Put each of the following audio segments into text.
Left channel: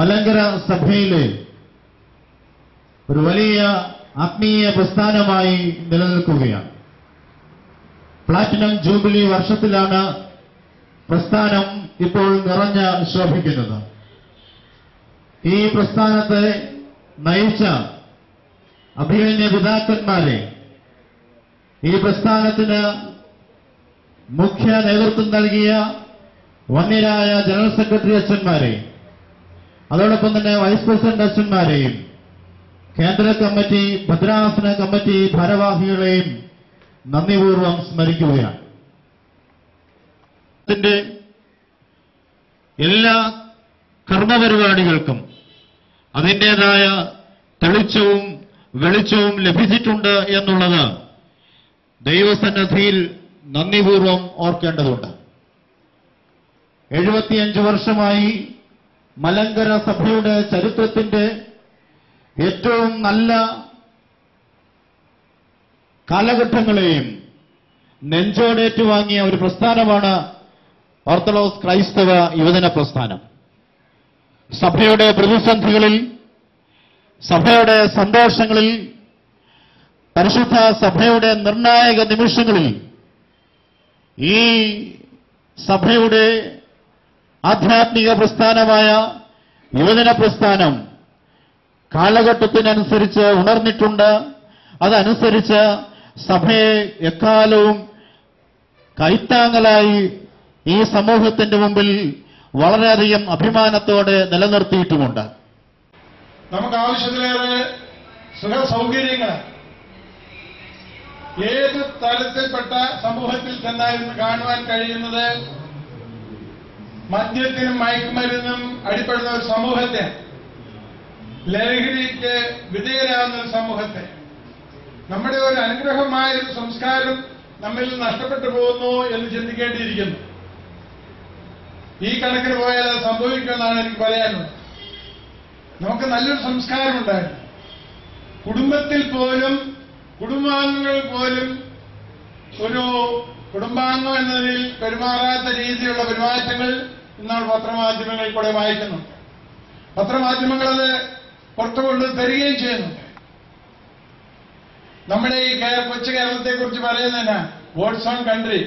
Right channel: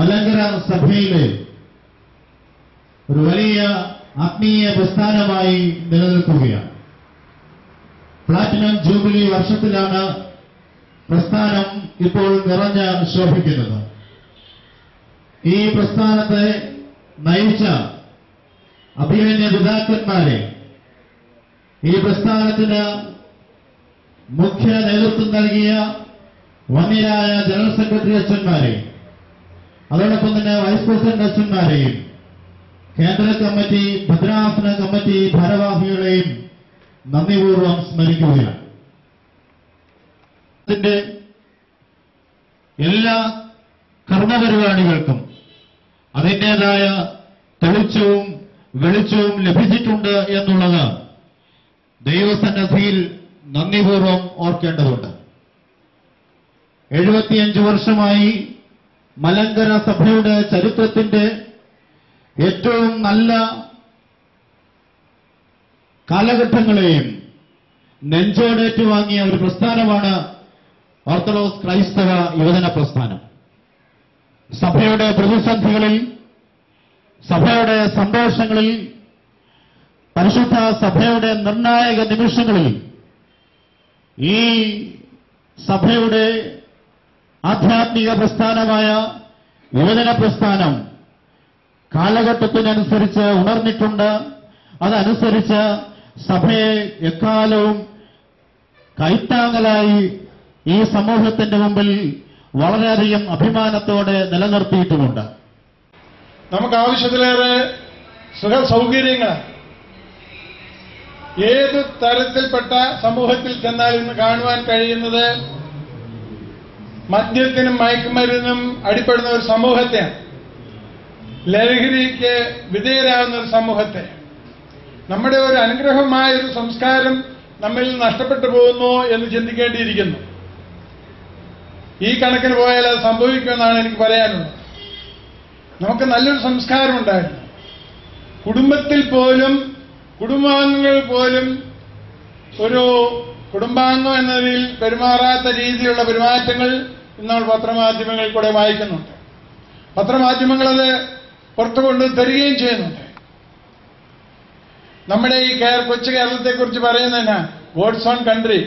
മലങ്കര സഭയിലെ ഒരു വലിയ ആത്മീയ പ്രസ്ഥാനമായി നിലനിൽക്കുകയാണ്. പ്ലാറ്റിനം ജൂബിലി വർഷത്തിലാണ് പ്രസ്ഥാനം ഇപ്പോൾ നിറഞ്ഞ ശോഭിക്കുന്നത്. ഈ പ്രസ്ഥാനത്തെ നയിച്ച അഭിമന്യ പിതാക്കന്മാരെ, ഈ പ്രസ്ഥാനത്തിന് മുഖ്യ നേതൃത്വം നൽകിയ വന്യരായ ജനറൽ സെക്രട്ടറി അച്ഛന്മാരെ, അതോടൊപ്പം തന്നെ വൈസ് പ്രസിഡന്റ് അച്ഛന്മാരെയും കേന്ദ്ര കമ്മിറ്റി ഭദ്രാസന കമ്മിറ്റി ഭാരവാഹികളെയും നന്ദിപൂർവ്വം സ്മരിക്കുകയാണ്. ഇതിന്റെ എല്ലാ കർമ്മപരിപാടികൾക്കും അതിൻ്റെതായ തെളിച്ചവും വെളിച്ചവും ലഭിച്ചിട്ടുണ്ട് എന്നുള്ളത് ദൈവസന്നിധിയിൽ നന്ദിപൂർവ്വം ഓർക്കേണ്ടതുണ്ട്. 75 വർഷമായി മലങ്കര സഭയുടെ ചരിത്രത്തിന്റെ ഏറ്റവും നല്ല കാലഘട്ടങ്ങളെയും നെഞ്ചോടേറ്റുവാങ്ങിയ ഒരു പ്രസ്ഥാനമാണ് ഓർത്തഡോക്സ് ക്രൈസ്തവ യുവജന പ്രസ്ഥാനം. സഭയുടെ പ്രതിസന്ധികളിൽ, സഭയുടെ സന്തോഷങ്ങളിൽ, പരിശുദ്ധ സഭയുടെ നിർണായക നിമിഷങ്ങളിൽ ഈ സഭയുടെ ആധ്യാത്മിക പ്രസ്ഥാനമായ യുവജന പ്രസ്ഥാനം കാലഘട്ടത്തിനനുസരിച്ച് ഉണർന്നിട്ടുണ്ട്. അതനുസരിച്ച് സഭയെ എക്കാലവും കൈത്താങ്ങലായി ഈ സമൂഹത്തിന്റെ മുമ്പിൽ വളരെയധികം അഭിമാനത്തോടെ നിലനിർത്തിയിട്ടുമുണ്ട്. നമുക്ക് ആവശ്യത്തിലേറെ സുഖ സൗകര്യങ്ങൾ ഏത് തരത്തിൽപ്പെട്ട സമൂഹത്തിൽ ചെന്നാൽ ഇന്ന് കാണുവാൻ കഴിയുന്നത് മദ്യത്തിനും മയക്കുമരുന്നും അടിപ്പെടുന്ന ഒരു സമൂഹത്തെ, ലഹരിക്ക് വിധേയരാകുന്ന ഒരു സമൂഹത്തെ, നമ്മുടെ ഒരു അനുഗ്രഹമായ ഒരു സംസ്കാരം നമ്മിൽ നഷ്ടപ്പെട്ടു പോകുന്നു എന്ന് ചിന്തിക്കേണ്ടിയിരിക്കുന്നു. ഈ കണക്കിന് പോയാൽ അത് സംഭവിക്കുമെന്നാണ് എനിക്ക് പറയാനുള്ളത്. നമുക്ക് നല്ലൊരു സംസ്കാരം ഉണ്ടായിരുന്നു. കുടുംബത്തിൽ പോലും, കുടുംബാംഗങ്ങൾ പോലും ഒരു കുടുംബാംഗം എന്നതിൽ പെരുമാറാത്ത രീതിയിലുള്ള പെരുമാറ്റങ്ങൾ ഇന്നാൾ പത്രമാധ്യമങ്ങളിൽ കൂടെ വായിക്കുന്നുണ്ട്. പത്രമാധ്യമങ്ങളത് പുറത്തു കൊണ്ട് തരികയും ചെയ്യുന്നുണ്ട്. നമ്മുടെ ഈ കൊച്ചു കേരളത്തെക്കുറിച്ച് പറയുന്നതിനാ ഗോഡ്സ് ഓൺ കൺട്രി,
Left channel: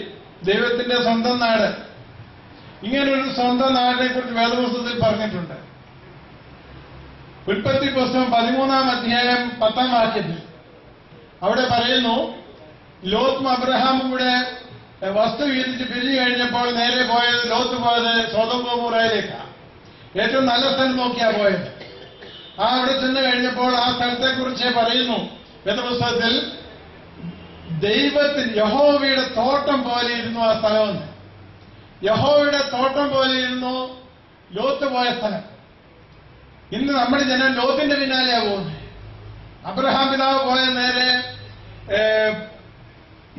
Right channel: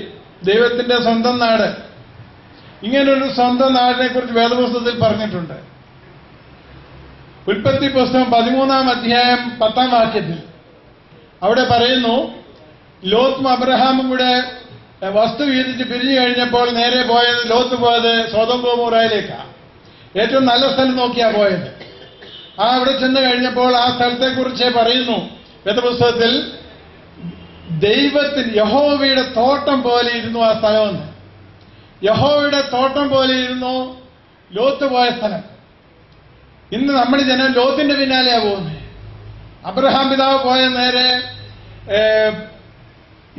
ദൈവത്തിന്റെ സ്വന്തം നാട്. ഇങ്ങനൊരു സ്വന്തം നാടിനെ കുറിച്ച് വേദപുസ്തകത്തിൽ പറഞ്ഞിട്ടുണ്ട്. ഉൽപ്പത്തി പുസ്തകം 13-ാം അധ്യായം 10-ാം വാക്യത്തിൽ അവിടെ പറയുന്നു, ലോത്തും അബ്രഹാമും കൂടെ വസ്തു വീതിച്ച് പിരിഞ്ഞു കഴിഞ്ഞപ്പോൾ നേരെ പോയത്, ലോത്ത് പോയത് സൊദോം ഗൊമോറയിലേക്കാണ്. ഏറ്റവും നല്ല സ്ഥലം നോക്കിയാ പോയത്. അവിടെ ചെന്ന് കഴിഞ്ഞപ്പോൾ ആ സ്ഥലത്തെക്കുറിച്ച് പറയുന്നു വേദപുസ്തകത്തിൽ, ദൈവത്തിന് യഹോവയുടെ തോട്ടം പോലെ ഇരുന്നു ആ സ്ഥലമെന്ന്. യഹോവയുടെ തോട്ടം പോലെ ഇരുന്നു ലോത്ത് പോയ സ്ഥലം. ഇന്ന് നമ്മുടെ ജനം ലോത്തിന്റെ പിന്നാലെയാ പോകുന്നത്. അബ്രഹാം പിതാവ് പോയ നേരെ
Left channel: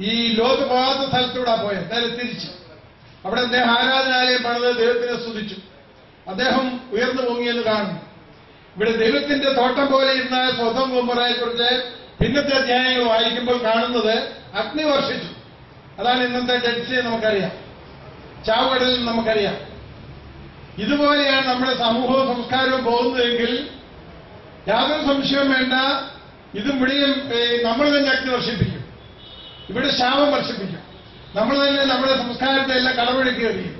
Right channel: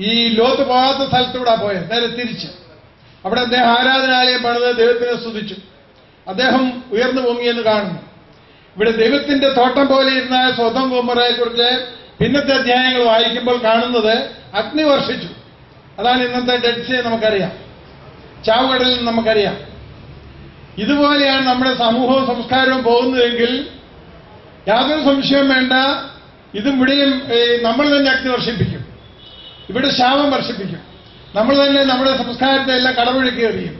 ഈ ലോത്ത് പോകാത്ത സ്ഥലത്തൂടെ പോയത്, നേരെ തിരിച്ച്. അവിടെ അദ്ദേഹം ആരാധനാലയം പണിത് ദൈവത്തിനെ സ്തുതിച്ചു. അദ്ദേഹം ഉയർന്നു പൊങ്ങിയെന്ന് കാണുന്നു. ഇവിടെ ദൈവത്തിന്റെ തോട്ടം പോലെ ഇരുന്ന സൊദോം ഗൊമോറയെ കുറിച്ച് പിന്നത്തെ അധ്യായങ്ങൾ വായിക്കുമ്പോൾ കാണുന്നത് അഗ്നി വർഷിച്ചു. അതാണ് ഇന്നത്തെ ഡെഡ് സീ നമുക്കറിയാം, ചാവുകടലിൽ നമുക്കറിയാം. ഇതുപോലെയാണ് നമ്മുടെ സമൂഹവും സംസ്കാരവും പോകുന്നതെങ്കിൽ യാതൊരു സംശയവും വേണ്ട, ഇതും ഇവിടെയും നമ്മൾ തന്നെ അഗ്നി വർഷിപ്പിക്കും, ഇവിടെ ശാപം വർഷിപ്പിക്കും. നമ്മൾ തന്നെ നമ്മുടെ സംസ്കാരത്തെ എല്ലാം കടമൊഴുക്കുകയും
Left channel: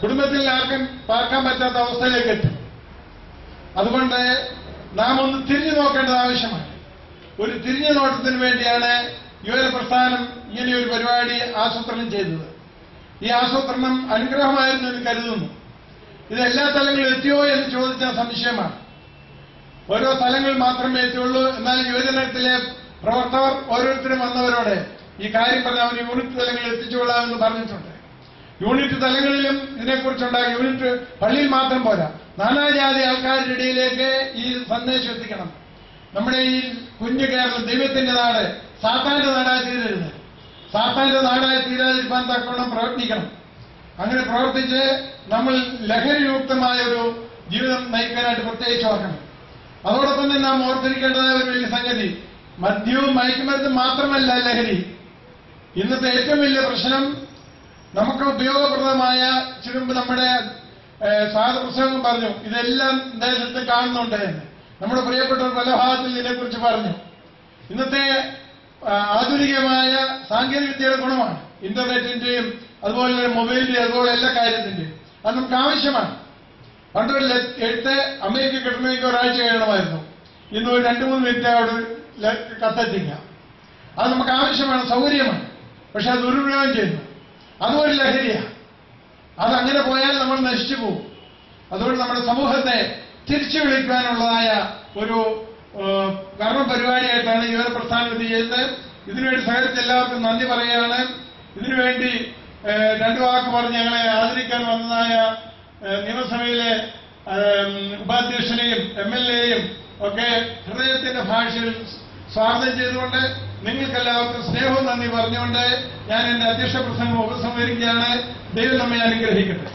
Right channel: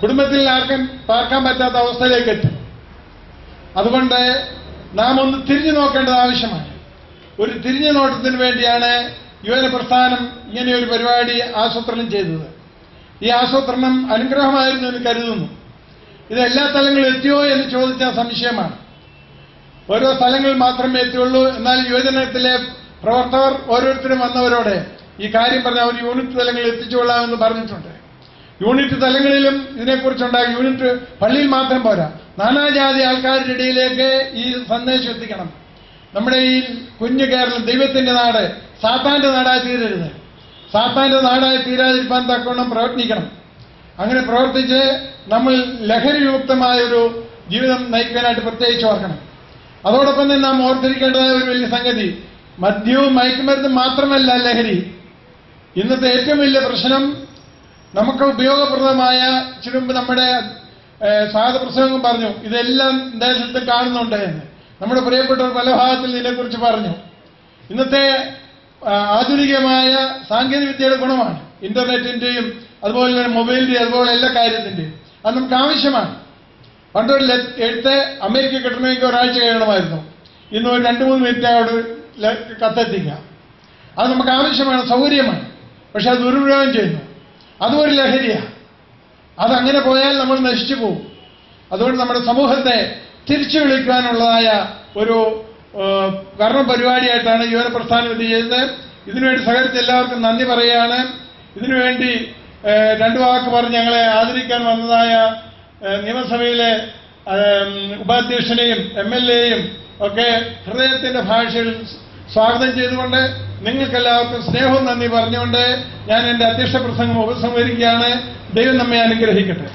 കുടുംബത്തിൽ ആർക്കും പാർക്കാൻ പറ്റാത്ത അവസ്ഥയിലേക്ക് എത്തും. അതുകൊണ്ട് നാം ഒന്ന് തിരിഞ്ഞു നോക്കേണ്ടത് ആവശ്യമാണ്. ഒരു തിരിഞ്ഞു നോട്ടത്തിന് വേണ്ടിയാണ് യുവജന പ്രസ്ഥാനം ഇങ്ങനെയൊരു പരിപാടി ആസൂത്രണം ചെയ്തത്. ഈ ആസൂത്രണം അനുഗ്രഹമായിരുന്നു എന്ന് കരുതുന്നു. ഇത് എല്ലാ തലങ്ങളിലും എത്തിയോ എന്ന് ചോദിച്ചാൽ സംശയമാണ്. ഓരോ സ്ഥലങ്ങളിൽ മാത്രമേ എത്തിയുള്ളൂ. എന്നാൽ യുവജനത്തിലെ പ്രവർത്തകർ ഓരോരുത്തരും വന്നവരോട് ഈ കാര്യം പറഞ്ഞ് അവർ യൂണിറ്റ് തലങ്ങളിൽ എത്തിച്ചുകൊള്ളാമെന്ന് പറഞ്ഞിട്ടുണ്ട്. യൂണിറ്റ് തലങ്ങളിലും ഇതിനെക്കുറിച്ചുണ്ടാകും. യൂണിറ്റ് പള്ളിയിൽ മാത്രം പോരാ, നാനാജാതി ആൾക്കാരുടെ ഇടയിലേക്ക് ഈ സന്ദേശം എത്തിക്കണം. നമ്മുടെ ഈ കുഞ്ഞു കേരളം ദൈവത്തിന്റെ നാട് സാത്താന്റെ നാടായി തീരരുത്. സാത്താന്റെ നാടായി തീരാതിരിക്കാൻ തക്കവണ്ണം പ്രവർത്തിക്കണം. അങ്ങനെ പ്രവർത്തിച്ച് നമ്മൾ ലഹരിയുക്തമായ ഒരു ജീവിതം നയിക്കാനായിട്ട് പ്രത്യേകിച്ച് ഓർക്കണം. അതോടൊപ്പം തന്നെ നാം ഓർത്തിരിക്കേണ്ടതായ ഒരു വലിയ സംഗതി, മദ്യവും മയക്കുമരുന്നും മാത്രമല്ല ലഹരി. ഇന്നത്തെ ഏറ്റവും വലിയ പ്രശ്നം നമുക്ക് ഉപയോഗപ്രദമായ, ചുരുമ്പ് നമ്മുടെ സ്വാഗതപ്രസംഗം പറഞ്ഞു. ഇതെല്ലാം ദേശത്ത് കാണുന്നുണ്ട് എന്ന് നമ്മുടെ പ്രിയപ്പെട്ടവർ പല ഭാഗത്തിൽ ഇതിനെക്കുറിച്ച് പറഞ്ഞു. ഇന്നത്തെ ആധുനികമായ സാങ്കേതിക വിദ്യയുടെ ഗുണമാണ് ഇന്റർനെറ്റിന്റെയും അതുപോലെ തന്നെ മൊബൈലിന്റെയും അതുപോലെ എല്ലാ കാര്യത്തിന്റെയും. അത് നമുക്ക് ആവശ്യമാണ്. പണ്ടൊരു എഴുത്ത് അമേരിക്ക കിട്ടണമെങ്കിൽ ഒരാഴ്ച കഴിയണമായിരുന്നു. ഇന്ന് ഒരു 2-3 മിനിറ്റ് അവിടെ കത്തെത്തിക്കാം. അത് നമുക്ക് ആവശ്യമാണ്, സൗകര്യമാണ്. പക്ഷെ അത് ദുരുപയോഗം ചെയ്യുന്നു. അതും ഒരു ലഹരിയാണ്. അതങ്ങനെ പോയാൽ നമ്മൾ നശിച്ചു പോകും. അതുകൊണ്ട് നമ്മുടെ സമൂഹത്തെ തിരിച്ചു വിളിക്കാനുള്ളതായ ഒരു കർമ്മ പരിപാടിയായിട്ടാണ് യുവന പ്രസ്ഥാനം ഇത് ചെയ്യുന്നത്. ഇതിനുവേണ്ടി സഹകരിച്ച എല്ലാവർക്കും നന്ദി പറയുകയാണ്. ഇതിനുവേണ്ടി 2 വാക്ക് പറഞ്ഞ് ഞങ്ങളെ ആദരിക്കാൻ വന്നതായ നിയമസഭയിലെ ഉപാധ്യക്ഷനെയും MLA-യും ഒക്കെ ഹൃദയത്തിന്റെ ഭാഷയിൽ സ്വാഗതം ചെയ്തുകൊണ്ട് നിങ്ങൾക്കെല്ലാവർക്കും സ്നേഹവും നന്ദി പറഞ്ഞുകൊണ്ട് ഞാൻ എന്റെ അധ്യക്ഷ പ്രസംഗം ഉപസംഹരിക്കുകയാണ്. ദൈവം നമ്മെ അനുഗ്രഹിക്കട്ടെ.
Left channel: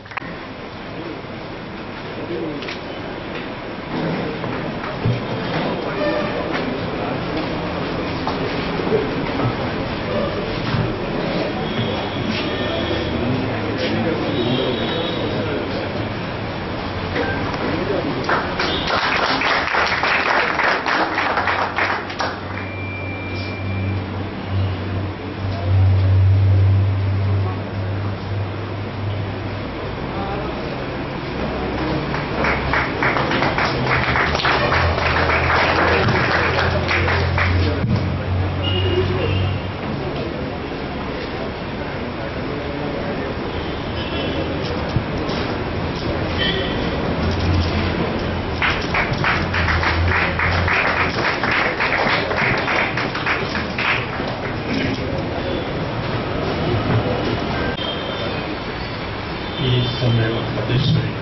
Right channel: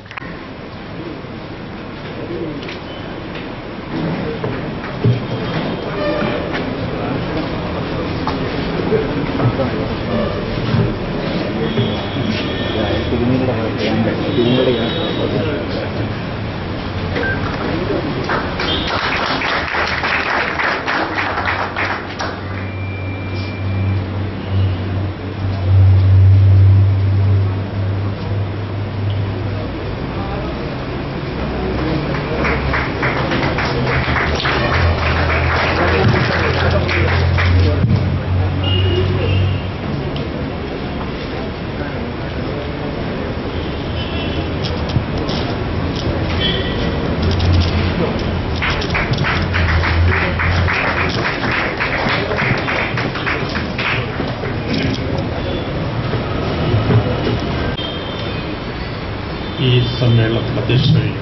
ഈ സമ്മേളനത്തിൽ അധ്യക്ഷനായി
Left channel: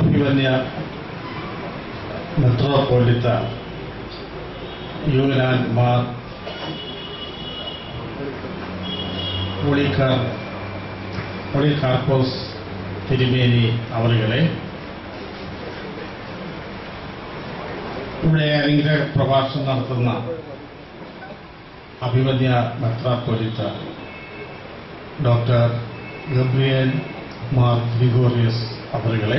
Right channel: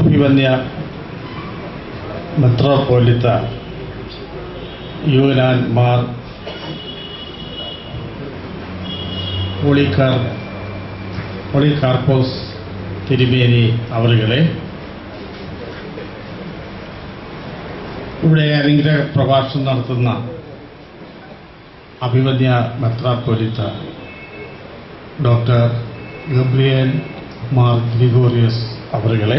അഭിമന്യ മെത്രോപൊലിത്ത യൂനാൻ മാർ പോളികാർപ്പോസ് തിരുമേനി അവരുകളെ, ഇവിടെ അനുഗ്രഹ പ്രഭാഷണം നടത്തുന്ന അഭിമന്യ മെത്രോപൊലിത്ത ഡോക്ടർ ഗബ്രിയേൽ മാർ ഗ്രിഗോറിയസ് അവരുകളെ,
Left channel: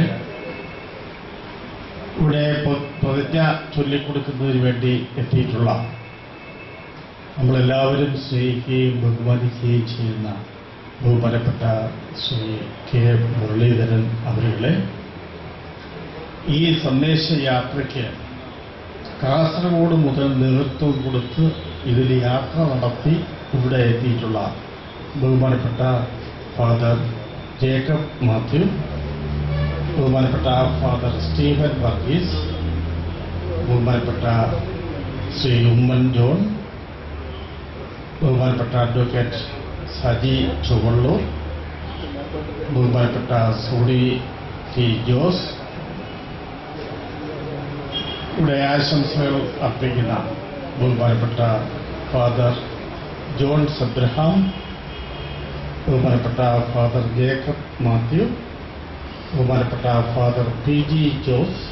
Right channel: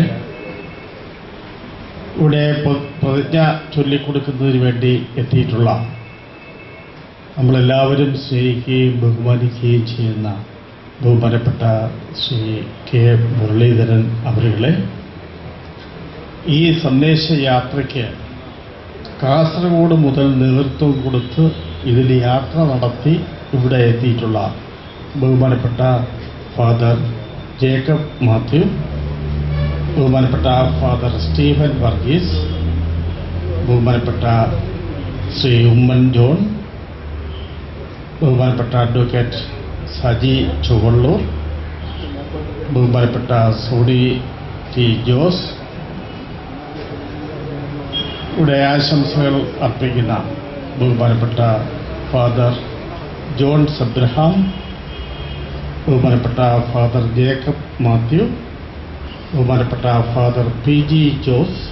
ഇവിടെ പ്രതിജ്ഞ ചൊല്ലിക്കൊടുക്കുന്നതിന് വേണ്ടി എത്തിയിട്ടുള്ള നമ്മളെല്ലാവരും സ്നേഹിക്കുകയും ബഹുമാനിക്കുകയും ചെയ്യുന്ന ബഹുമാനപ്പെട്ട ശ്രീ കെ മുരളീധരൻ അവരുകളെ, ഈ സന്ദേശയാത്രയ്ക്ക് കാസർഗോഡ് മുതൽ നേതൃത്വം കൊടുത്ത് ഇതിൽ യാത്ര നടത്തി ഇവിടെ എത്തിയിട്ടുള്ള ബഹുമാനപ്പെട്ട ഫാദർ ജേക്കബ് മാത്യു, ബഹുമാനപ്പെട്ട ഫാദർ സ്റ്റീഫൻ വർഗീസ്, ബഹുമാനപ്പെട്ട ശ്രീ ഉമ്മൻ ജോൺ, ബഹുമാനപ്പെട്ട അഡ്വക്കേറ്റ് സജി ചുവള്ളൂർ, ബഹുമാനപ്പെട്ട സോണി ടി ജോസ്, ഇവിടെ ആശംസകൾ അർപ്പിക്കുന്ന ബഹുമാനപ്പെട്ട ഫാദർ ജോൺ സബ്രഹാം, ബഹുമാനപ്പെട്ട ഫാദർ ജേക്കബ് മാത്യു, ബഹുമാനപ്പെട്ട ഫാദർ PG ജോസ്,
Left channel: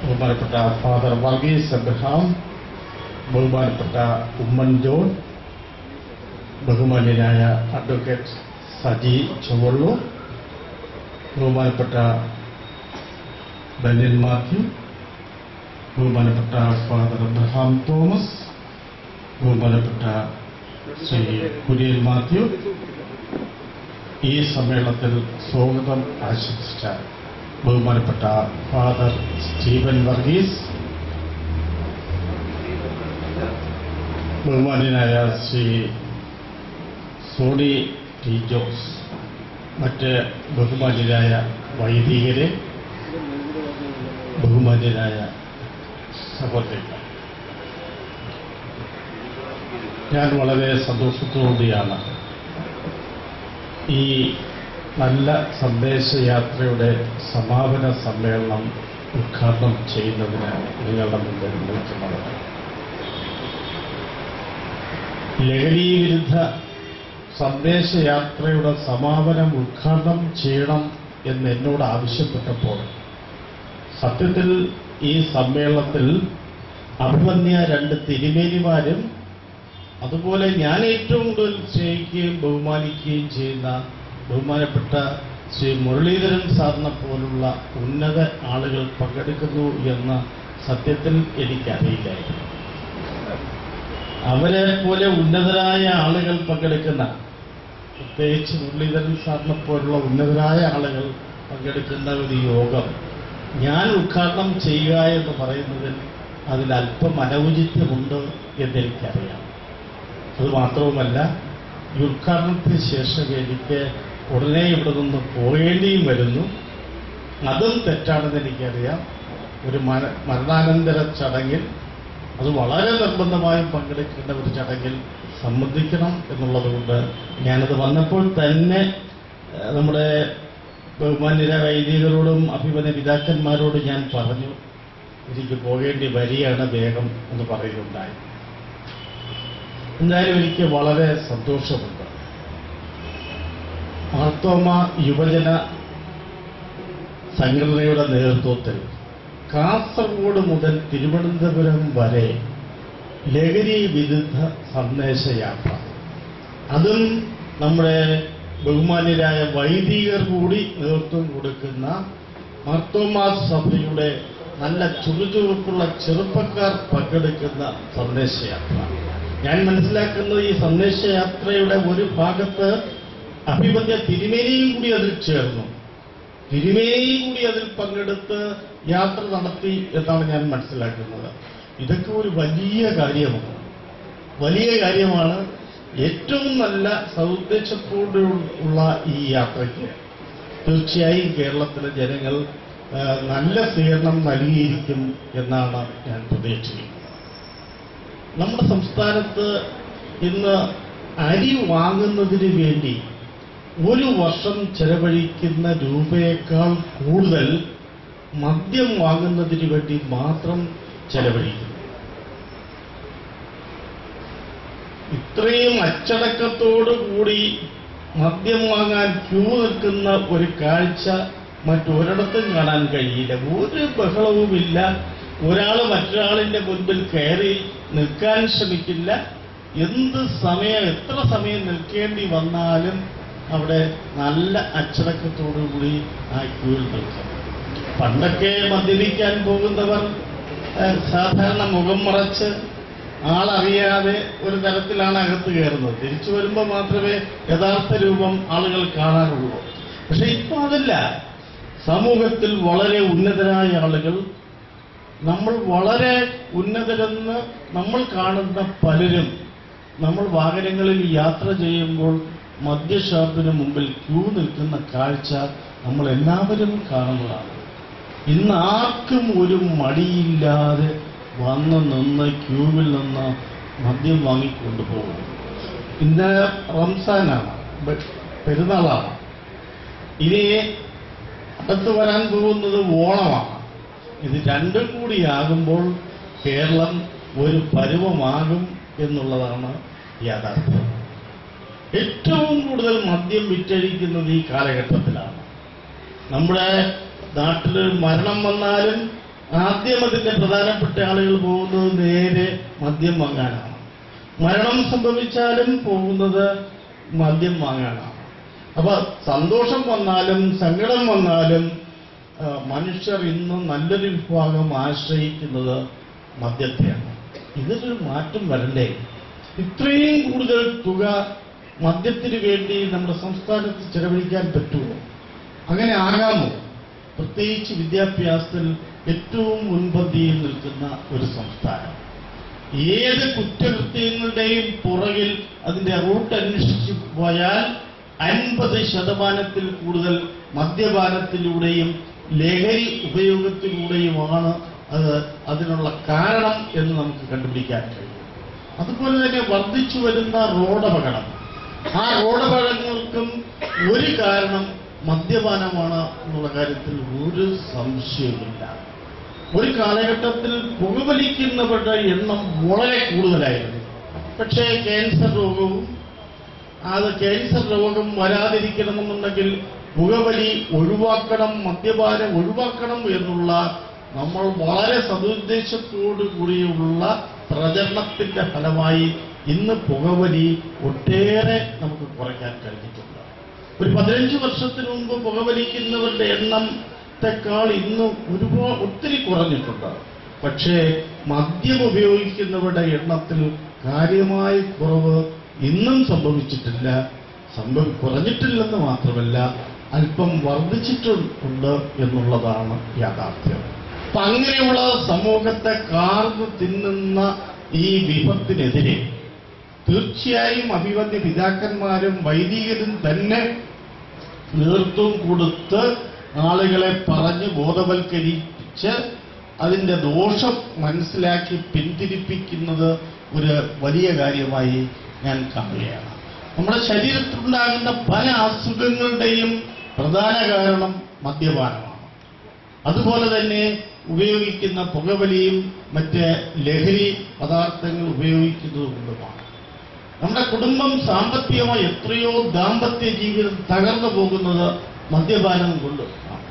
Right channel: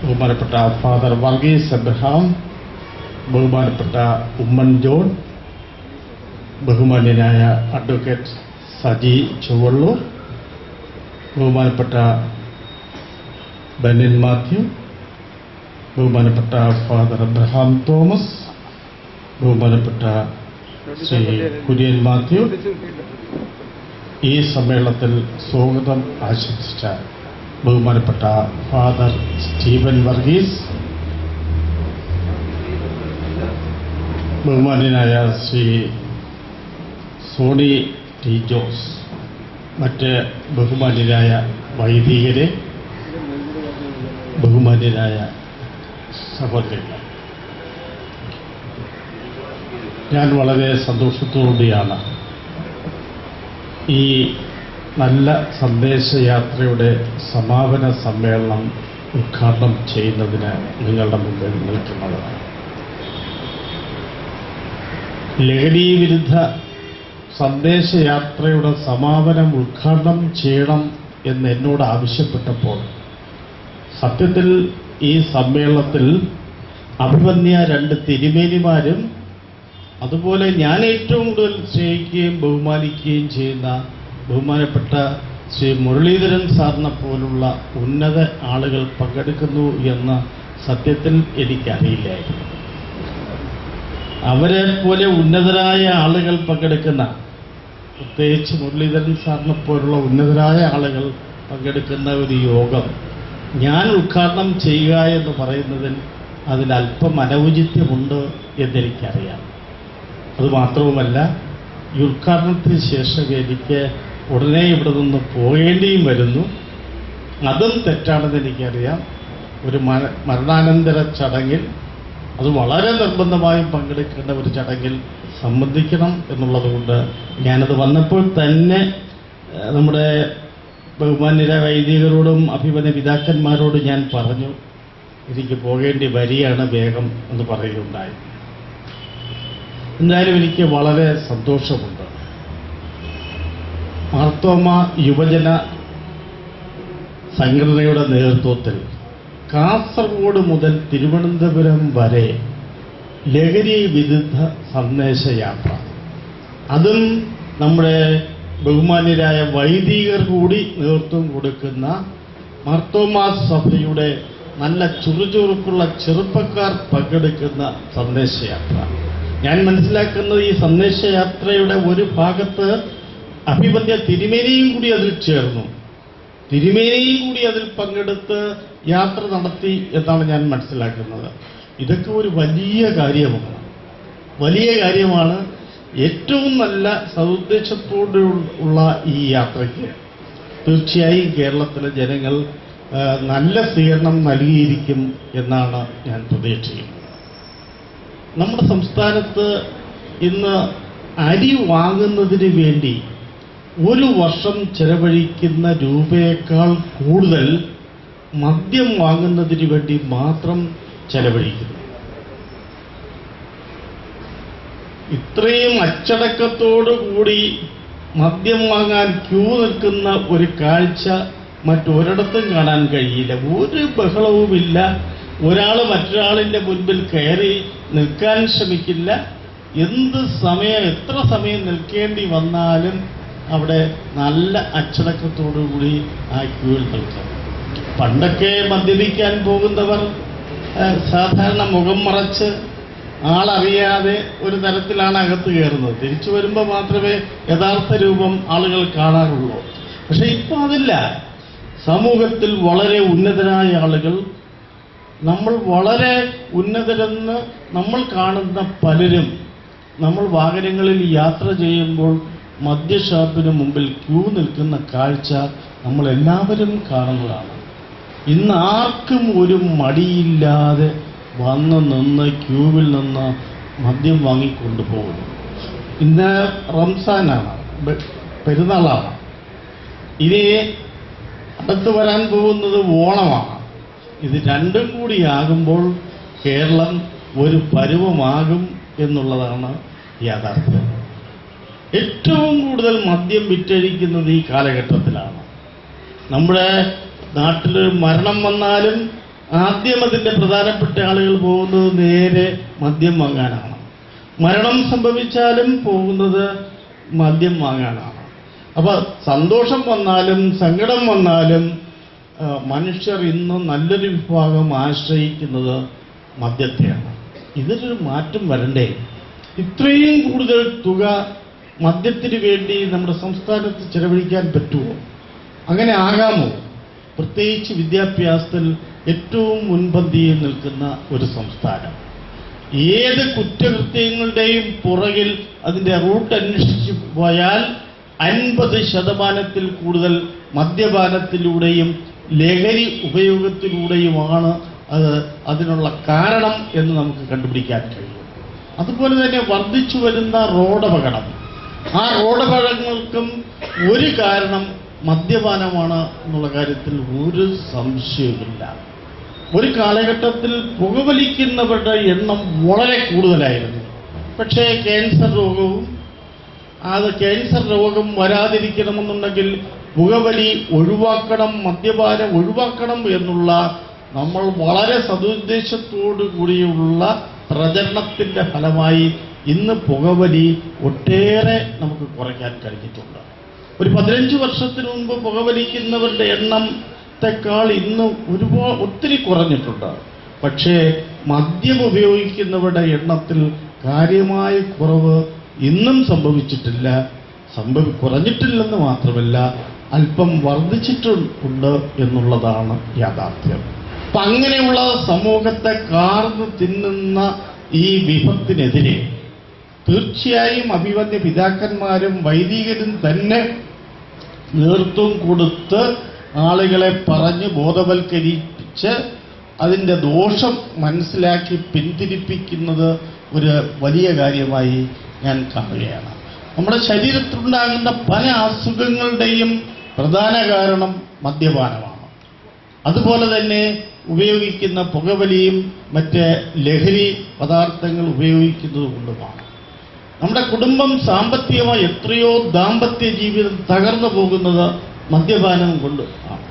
ബഹുമാനപ്പെട്ട ഫാദർ വർഗീസ് അബ്രഹാം, ബഹുമാനപ്പെട്ട ഉമ്മൻ ജോൺ, ബഹുമാന്യനായ അഡ്വക്കേറ്റ് സജി ചുവള്ളൂർ, ബഹുമാനപ്പെട്ട ബെന്നിൻ മാത്യു, ബഹുമാനപ്പെട്ട ഫാദർ അബ്രഹാം തോമസ്, ബഹുമാനപ്പെട്ട ശ്രീ കുര്യൻ മാത്യു, ഈ സമ്മേളനത്തിൽ സ്വാഗതം ആശംസിച്ച ബഹുമാനപ്പെട്ട ഫാദർ സ്റ്റീഫൻ വർഗീസ്, ബഹുമാന്യനായ ശ്രീ സോണി ടി ജോസ്, മറ്റ് ബഹുമാന്യരായ വൈദികരെ, ബഹുമാന്യരായ സഹോദരന്മാർ, ഞാൻ വളരെ സന്തോഷത്തോടെയാണ് ഈ നല്ല സന്ദേശയാത്രയുടെ സമാപന സമ്മേളനം ഉദ്ഘാടനം ചെയ്യുന്നതിന് നിങ്ങളുടെ മുമ്പിൽ നിൽക്കുന്നത്. ലഹരി വിരുദ്ധ സന്ദേശയാത്രയുടെ സമാപനം ഉദ്ഘാടനം ചെയ്യണം എന്ന് എന്നോട് ആവശ്യപ്പെട്ടപ്പോൾ സത്യത്തിൽ ഈ സമ്മേളനത്തിൽ അഭിമന്യ 2 തിരുമേനിമാരും അതുപോലെ ഞാൻ ഏറ്റവും കൂടുതൽ സ്നേഹിക്കുകയും ബഹുമാനിക്കുകയും ചെയ്യുന്ന ബഹുമാനപ്പെട്ട ശ്രീ മുരളീധരൻ സാറിനെ പോലുള്ള ഉന്നത ആളുകൾ പങ്കെടുക്കുന്നു എന്ന സത്യത്തിൽ എനിക്കറിയില്ലായിരുന്നു. അവരെ പോലെ ഉന്നതരായ ആളുകൾ പങ്കെടുക്കുന്ന, പ്രത്യേകിച്ച് മുരളീധരൻ സാറിനെ പോലുള്ള ഉന്നതരായ ആളുകൾ പങ്കെടുക്കുന്ന ഒരു യോഗം ഞാൻ ഉദ്ഘാടനം ചെയ്യുക എന്ന് പറയുന്നതിൽ അതിലല്പം അനൗചിത്യമുണ്ട് എന്നെനിക്കറിയാം. അതുമാത്രവുമല്ല, ഈ ഉദ്ഘാടനത്തിന് ശേഷം എനിക്ക് ഉടനെ ഇവിടെ നിന്ന് പോകേണ്ടിയും വരുന്നു. അതും തെറ്റാണെന്ന് എനിക്കറിയാം. ഒരു മരണാനന്തര ചടങ്ങിൽ, അത് വളരെ നിർബന്ധമായും പങ്കെടുക്കേണ്ട ഒരു ചടങ്ങിൽ സംബന്ധിക്കണം എന്നുള്ളതുകൊണ്ട് ഞാനത് വന്നപ്പോൾ തന്നെ നമ്മുടെ ബഹുമാന്യരായ വൈദികരോടും അഭിമന്യ പിതാക്കന്മാരോടും ഞാൻ പറഞ്ഞു, എനിക്ക് പോകേണ്ടി വരികയാണ് വേഗം എന്ന് പറയുകയുണ്ടായി. എന്തായാലും എനിക്ക് വളരെ സന്തോഷമുണ്ട്. മാർത്തോമ യുവജന സംഘടനയുടെ നേതൃത്വത്തിൽ കാസർഗോഡ് മുതൽ തിരുവനന്തപുരം വരെ ലഹരി വിരുദ്ധ സന്ദേശയാത്ര, അതും നമ്മുടെ ബഹുമാന്യരായ വൈദികർ കൂടി നേതൃത്വം കൊടുക്കുന്ന മാർത്തോമാ സഭയുടെ നല്ല ചുറുചുറുക്കുള്ള ചെറുപ്പക്കാർ പങ്കെടുക്കുന്ന സന്ദേശയാത്ര. ഞാൻ മനസ്സിലാക്കുന്നത് ഈ സന്ദേശയാത്രയുടെ ഒരു ഭാഗത്ത് അഭിമന്യ തിരുമേനിയും കൂടി അതിൽ ചേർന്നു, തിരുമേനിയും കൂടി അതിൽ പങ്കെടുത്ത് യാത്ര നടത്തി എന്നാണ് ഞാൻ മനസ്സിലാക്കുന്നത്. ഇതൊക്കെ ഒരു വലിയ കാര്യമാണ്. ഏറ്റവും നല്ല സതുദ്ദേശത്തോടുള്ള ഈ യാത്രയ്ക്ക് തീർച്ചയായും കേരളത്തിലെ ജനങ്ങൾ നല്ല സ്വീകരണം നൽകിയിരിക്കും എന്നാണ് ഞാൻ പ്രതീക്ഷിക്കുന്നത്. നമ്മുടെ സംസ്ഥാനത്ത് ഇന്ന് അരി വാങ്ങുന്നതിന് വേണ്ടി ഒരു വർഷം ചെലവഴിക്കുന്ന രൂപയേക്കാൾ കൂടുതൽ മദ്യം വാങ്ങുന്നതിന് വേണ്ടി മാത്രം ചെലവഴിക്കുന്നു. ഇത്രയും അച്ചടക്കത്തോടുകൂടി മദ്യം വാങ്ങാൻ ക്യൂ നിൽക്കുന്ന ഒരു കാഴ്ച മറ്റൊരിടത്തും കാണാൻ കഴിയില്ല. ഒരു ബഹളവുമില്ല. ഒരാൾ മറ്റൊരാളിന്റെ മുൻപിൽ കയറി നിൽക്കാൻ ശ്രമിക്കില്ല. എത്ര സമയം നിൽക്കേണ്ടി വന്നാലും അവിടെ നല്ല അച്ചടക്കത്തോടുകൂടി ആ ക്യൂവിൽ നിൽക്കാം. പണ്ടൊക്കെ മദ്യപിക്കാൻ പോകുന്നവർ സാധാരണ മുഖം മറച്ച് ആളറിയാതെ ഒരു തരത്തിലാണ് അകത്ത് കയറുന്നത്. തിരിച്ചു വരുമ്പോൾ മാത്രമേ യഥാർത്ഥ രൂപം ആളുകൾ കാണാറുള്ളൂ. പക്ഷെ ഇപ്പോൾ അതല്ല. സമൂഹത്തിൽ വളരെ ഉന്നതരായ ആളുകൾ, നമ്മൾ വളരെ ഉന്നതരെന്ന് നമ്മൾ കാണുന്ന പലരും നമ്മൾ വാഹനങ്ങളിൽ യാത്ര ചെയ്യുമ്പോൾ മദ്യഷാപ്പിന് മുമ്പിൽ ക്യൂ നിൽക്കുന്ന കാഴ്ച നമ്മളെല്ലാവരും കാണുന്നതാണ്. ഇന്ന് ആർക്കും ഒരു മടിയില്ലാതെ നിന്ന് ക്യൂവിൽ നിന്ന് മദ്യം വാങ്ങിക്കൊണ്ടുപോകും. ഇന്ന് റംസാനാണ്, പെരുന്നാളാണ്. ഇനി അടുത്ത് വരാൻ പോകുന്നത് ഓണമാണ്. ഇത് രണ്ടും കൂടിയാകുമ്പോൾ കേരളം ഒരു പരുവമാകും എന്നുള്ളതാണ് യാഥാർത്ഥ്യം. ഏറ്റവും കൂടുതൽ മദ്യം വിറ്റഴിക്കുന്നത് ഈ കാലഘട്ടത്തിലാണ്. നമ്മുടെ നാട്ടിൽ മരണം വന്നാലും ആദ്യം അതിന്റെ പ്രധാനപ്പെട്ട ആളുകൾ പോകുന്നത് നേരെ മദ്യം വാങ്ങാനാണ്. മരണം സംഭവിച്ചാലും പോകുന്നത് മദ്യം വാങ്ങാനാണ്. അപ്പൊ സന്തോഷം വന്നാലും സങ്കടം വന്നാലും മനുഷ്യർ ഇന്ന് നല്ലൊരു വിഭാഗം ആശ്രയിക്കുന്നത് മദ്യത്തെയാണ്. ഇതിനൊരു മാറ്റം വരണ്ടേ? ഇത്രയും കൂടുതൽ തുക മദ്യത്തിന് വേണ്ടി നമ്മുടെ സംസ്ഥാനത്ത് ചെലവഴിക്കാൻ പറ്റുമോ? അങ്ങനെ ആകാമോ? പ്രത്യേകിച്ച് വിദ്യാഭ്യാസത്തിൽ ഏറ്റവും മുൻപന്തിയിൽ നിൽക്കുന്ന ഒരു സംസ്ഥാനം. ഏത് കുറ്റകൃത്യങ്ങളുടെയും പുറകിൽ അതിന്റെ റൂട്ട് അന്വേഷിച്ചു പോയാൽ 50% കൂടുതൽ മദ്യപാനത്തിലൂടെയും ലഹരി ഉപയോഗത്തിലൂടെയുമാണ് അതിനുള്ള കാരണം എന്ന് നമുക്ക് കണ്ടുപിടിക്കാൻ കഴിയും. അതുപോലെ തന്നെ വർദ്ധിച്ചു വരുന്ന റോഡപകടം, ആ റോഡപകടങ്ങൾക്കും ഒരു കാരണം മദ്യപാനമാണ് എന്നുള്ള കാര്യത്തിൽ ഒരു സംശയവുമില്ല. ഒരു കാലഘട്ടത്തിൽ പുകവലിക്കുന്നവരുടെ എണ്ണം വളരെ കൂടുതലായിരുന്നു. പക്ഷേ ക്യാൻസർ രോഗം വരാതിരിക്കണമെന്നുണ്ടെങ്കിൽ പുകവലി ഒഴിവാക്കണം, മദ്യപാനം ഒഴിവാക്കണം എന്നുള്ള നമ്മൾ വളരെ സതുദ്ദേശത്തോടു കൂടിയുള്ള പ്രചരണത്തിന്റെ ഫലമായി ഇന്ന് പുകവലി ഒട്ടേറെ നമുക്ക് കുറയ്ക്കാൻ കഴിഞ്ഞിട്ടുണ്ട്. ഒരു 15 വർഷത്തിന് മുമ്പ് പുകവലിക്കുന്നവരുടെ എണ്ണത്തെക്കാൾ ഇന്ന് ഒത്തിരി കുറഞ്ഞിട്ടുണ്ട്. പക്ഷേ മദ്യം ഉപയോഗിക്കുന്നവരുടെ എണ്ണത്തിൽ കാര്യമായ കുറവ് ഇന്നും സംഭവിച്ചിട്ടില്ല. കുറഞ്ഞിട്ടില്ലെന്ന് മാത്രമല്ല, അല്പം വർദ്ധിച്ചിട്ടുണ്ട് എന്നുള്ളതാണ് യാഥാർത്ഥ്യം. അപ്പൊ അങ്ങനെയുള്ള സമൂഹത്തെ കാർന്ന് തിന്നുന്ന ഈ വിപത്തിനെതിരെ തീർച്ചയായും അഭിവന്യ പിതാക്കന്മാരും വൈദികരും തന്നെ നേതൃത്വം കൊടുത്ത് ആളുകളെ പറഞ്ഞ് ബോധവൽക്കരിച്ച് അതിന്റെ ദോഷം മനസ്സിലാക്കി പിന്തിരിപ്പിക്കുന്നത് ഒരു വലിയ കാര്യമായി ഞാൻ കാണുകയാണ്. നമ്മുടെ ശരീരത്തിലുണ്ടാകുന്ന പല അസുഖങ്ങളുടെയും പ്രധാന കാരണം മദ്യപാനമാണ്. അതുപോലെ തന്നെ ഉപയോഗിക്കുന്ന പുകവലിയും മറ്റ് ലഹരി പദാർത്ഥങ്ങൾ ഉപയോഗിക്കുന്നത് കൊണ്ടുമാണ്. നമ്മുടെ കുടുംബം സാമ്പത്തികമായി എത്രയോ ദാമ്പത്യ ജീവിതം തകർന്നു പോകുന്നത് മദ്യപാനം കൊണ്ട് ആണ്.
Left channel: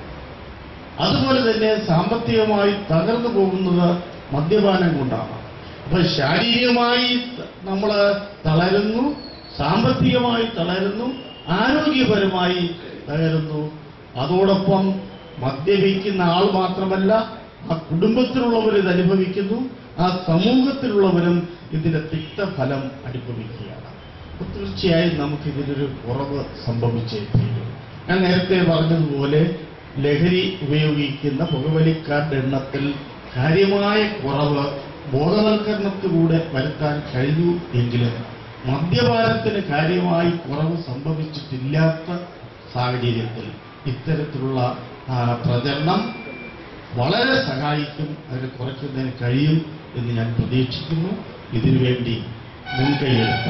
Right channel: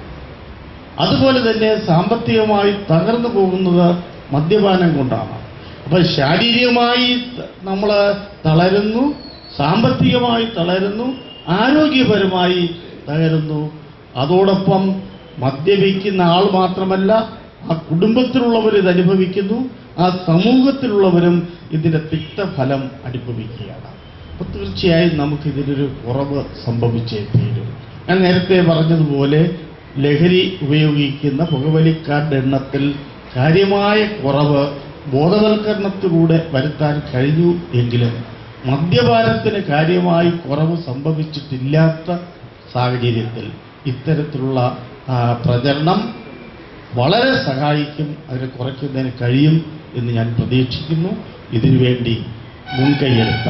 അതുപോലെ തന്നെ സാമ്പത്തികമായി തകർന്നു പോകുന്നത് മദ്യപാനം കൊണ്ടാണ്. അപ്പൊ ശാരീരികമായി നമ്മൾ തളരുന്നു, സാമ്പത്തികമായി തളരുന്നു, ആരോഗ്യപരമായി തകരുന്നു. അതോടൊപ്പം മദ്യപിക്കുന്ന ആൾ മാത്രമല്ല, ആ കുടുംബത്തിലുള്ളവർ ഇത് അനുഭവിക്കുന്നു, ആ സമൂഹത്തിലുള്ളവരും ഇതിന്റെ തിക്തഫലം അനുഭവിക്കുകയാണ്. അപ്പോൾ തീർച്ചയായും നമുക്കിതിനൊരു കുറവ് സംഭവിച്ചേ തീരും. ഞാൻ നേരത്തെ പറഞ്ഞതുപോലെ ലഹരി ഉപയോഗിക്കുന്ന പുകവലിക്കാരുടെ എണ്ണത്തിൽ കാര്യമായ കുറവ് ബോധവൽക്കരണത്തിലൂടെ വരുത്താൻ കഴിഞ്ഞു എങ്കിലും മദ്യപാനത്തിന് കാര്യമായി കുറവ് സംഭവിച്ചിട്ടില്ലാത്ത സാഹചര്യത്തിൽ ഇത്തരത്തിലുള്ള പ്രചരണം വളരെ സഹായിക്കും, അതിനെ കുറയ്ക്കുന്നതിന് കഴിയും എന്ന് ഞാൻ പ്രതീക്ഷിക്കുന്നു. ഇതിനുവേണ്ടി മുൻകൈയെടുത്ത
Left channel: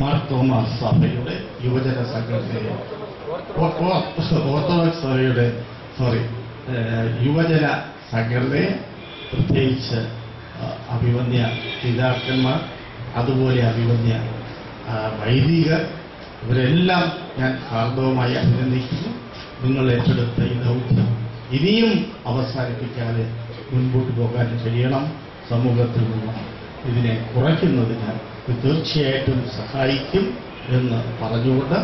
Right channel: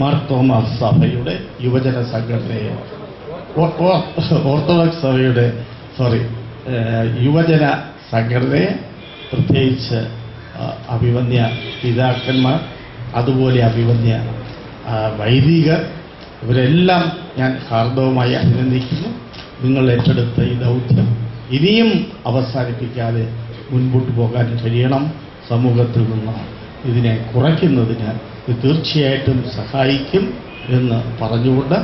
മാർ തോമസ് സഭയുടെ യുവജന സംഘടനയെ, ഓർത്തഡോക്സ് സഭയുടെ യുവജന സംഘടനയെ, പ്രത്യേകിച്ച് അഭിവന്യ പിതാക്കന്മാർ, അതുപോലെ അഭിവന്യ വൈദികർ, ഇവരെല്ലാം ഞാൻ ഹാർദവമായി അഭിനന്ദിക്കുന്നു. നിങ്ങൾ ഏറ്റെടുത്ത ഈ ദൗത്യം ഇനിയും അവസാനിപ്പിക്കാതെ മുൻപോട്ട് പോകാൻ കഴിയണം. സമൂഹത്തിൽ നിന്ന് ഇതിനെ കുറയ്ക്കുന്നതിന് ഇത് തീർച്ചയായിട്ടും സഹായിക്കും എന്ന് പറഞ്ഞുകൊണ്ട്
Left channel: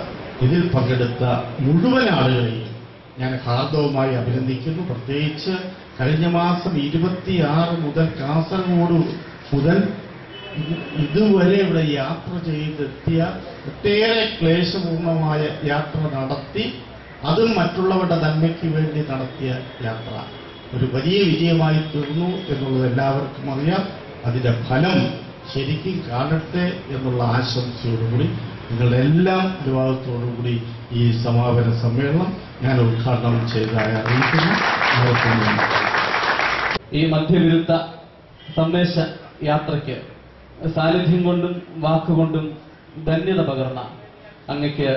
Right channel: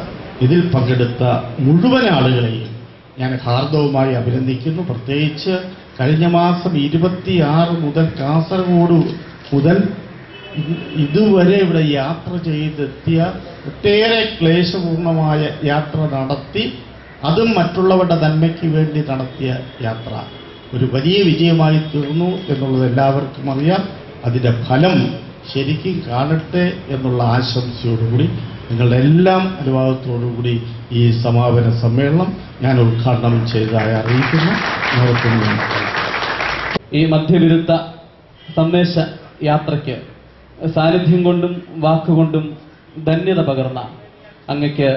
ഇതിൽ പങ്കെടുത്ത മുഴുവൻ ആളുകളെയും ഞാൻ ഹാർദവമായി അഭിനന്ദിക്കുന്നു. പ്രത്യേകിച്ച് കഴിഞ്ഞ മാസം 26 മുതൽ കാസർഗോഡ് മുതൽ ഇതുവരെ ഇവിടെ യാത്ര ചെയ്തെത്തിയ ഒട്ടേറെ ക്ലേശപൂർണമായ യാത്ര നടത്തി, അതും മറ്റുള്ളവരുടെ നന്മയ്ക്ക് വേണ്ടി നടത്തിയ യാത്ര ഒരു വലിയ വിജയമായി തീർന്നു എന്നുള്ളത് എല്ലാവർക്കും അറിയാം. അതിന്റെ ഫലം ശരിക്കും കാണട്ടെ എന്നുള്ള ആശംസയോടുകൂടി നിങ്ങളുടെ എല്ലാം അനുവാദത്തോടുകൂടി ഈ സമാപന സമ്മേളനം ഞാൻ ഉദ്ഘാടനം ചെയ്തതായി അറിയിക്കുന്നു. ഈ മദ്യവിരുദ്ധ സന്ദേശ യാത്രയ്ക്ക് സാന്നിധ്യം കൊണ്ടും വാക്കുകൊണ്ടും ധന്യത പകർന്ന അങ്ങയ്ക്ക്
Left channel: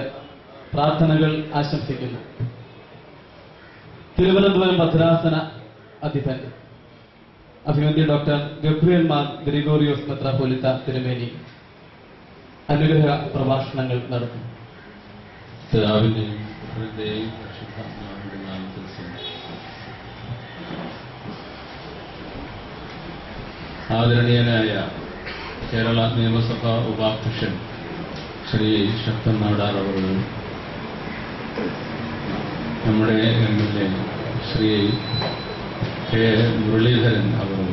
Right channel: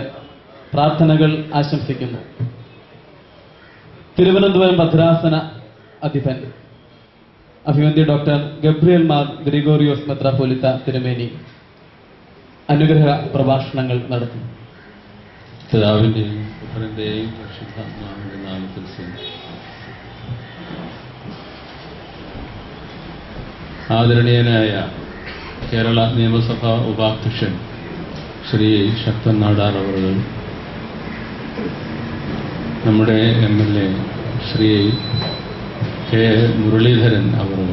പ്രാർത്ഥനകൾ ആശംസിക്കുന്നു. തിരുവനന്തപുരം ഭദ്രാസന അധിപൻ അഭിവന്യ ഡോക്ടർ ഗബ്രിയേൽ മാർ ഗ്രിഗോറിയോസ് മെത്രാപ്പോലിത്ത തിരുമേനി അനുഗ്രഹ പ്രഭാഷണങ്ങൾ നടത്തും. പിതാവിന്റെയും പുത്രന്റെയും പരിശുദ്ധാത്മാവിന്റെ നാമത്തിൽ ആദരണീയനായ കേരള നിയമസഭാ ഉപാധ്യക്ഷൻ ശ്രീ ശക്തൻ നാടാർ അവർ, നമ്മുടെ MLA ശ്രീ കെ മുരളീധരൻ അവർ,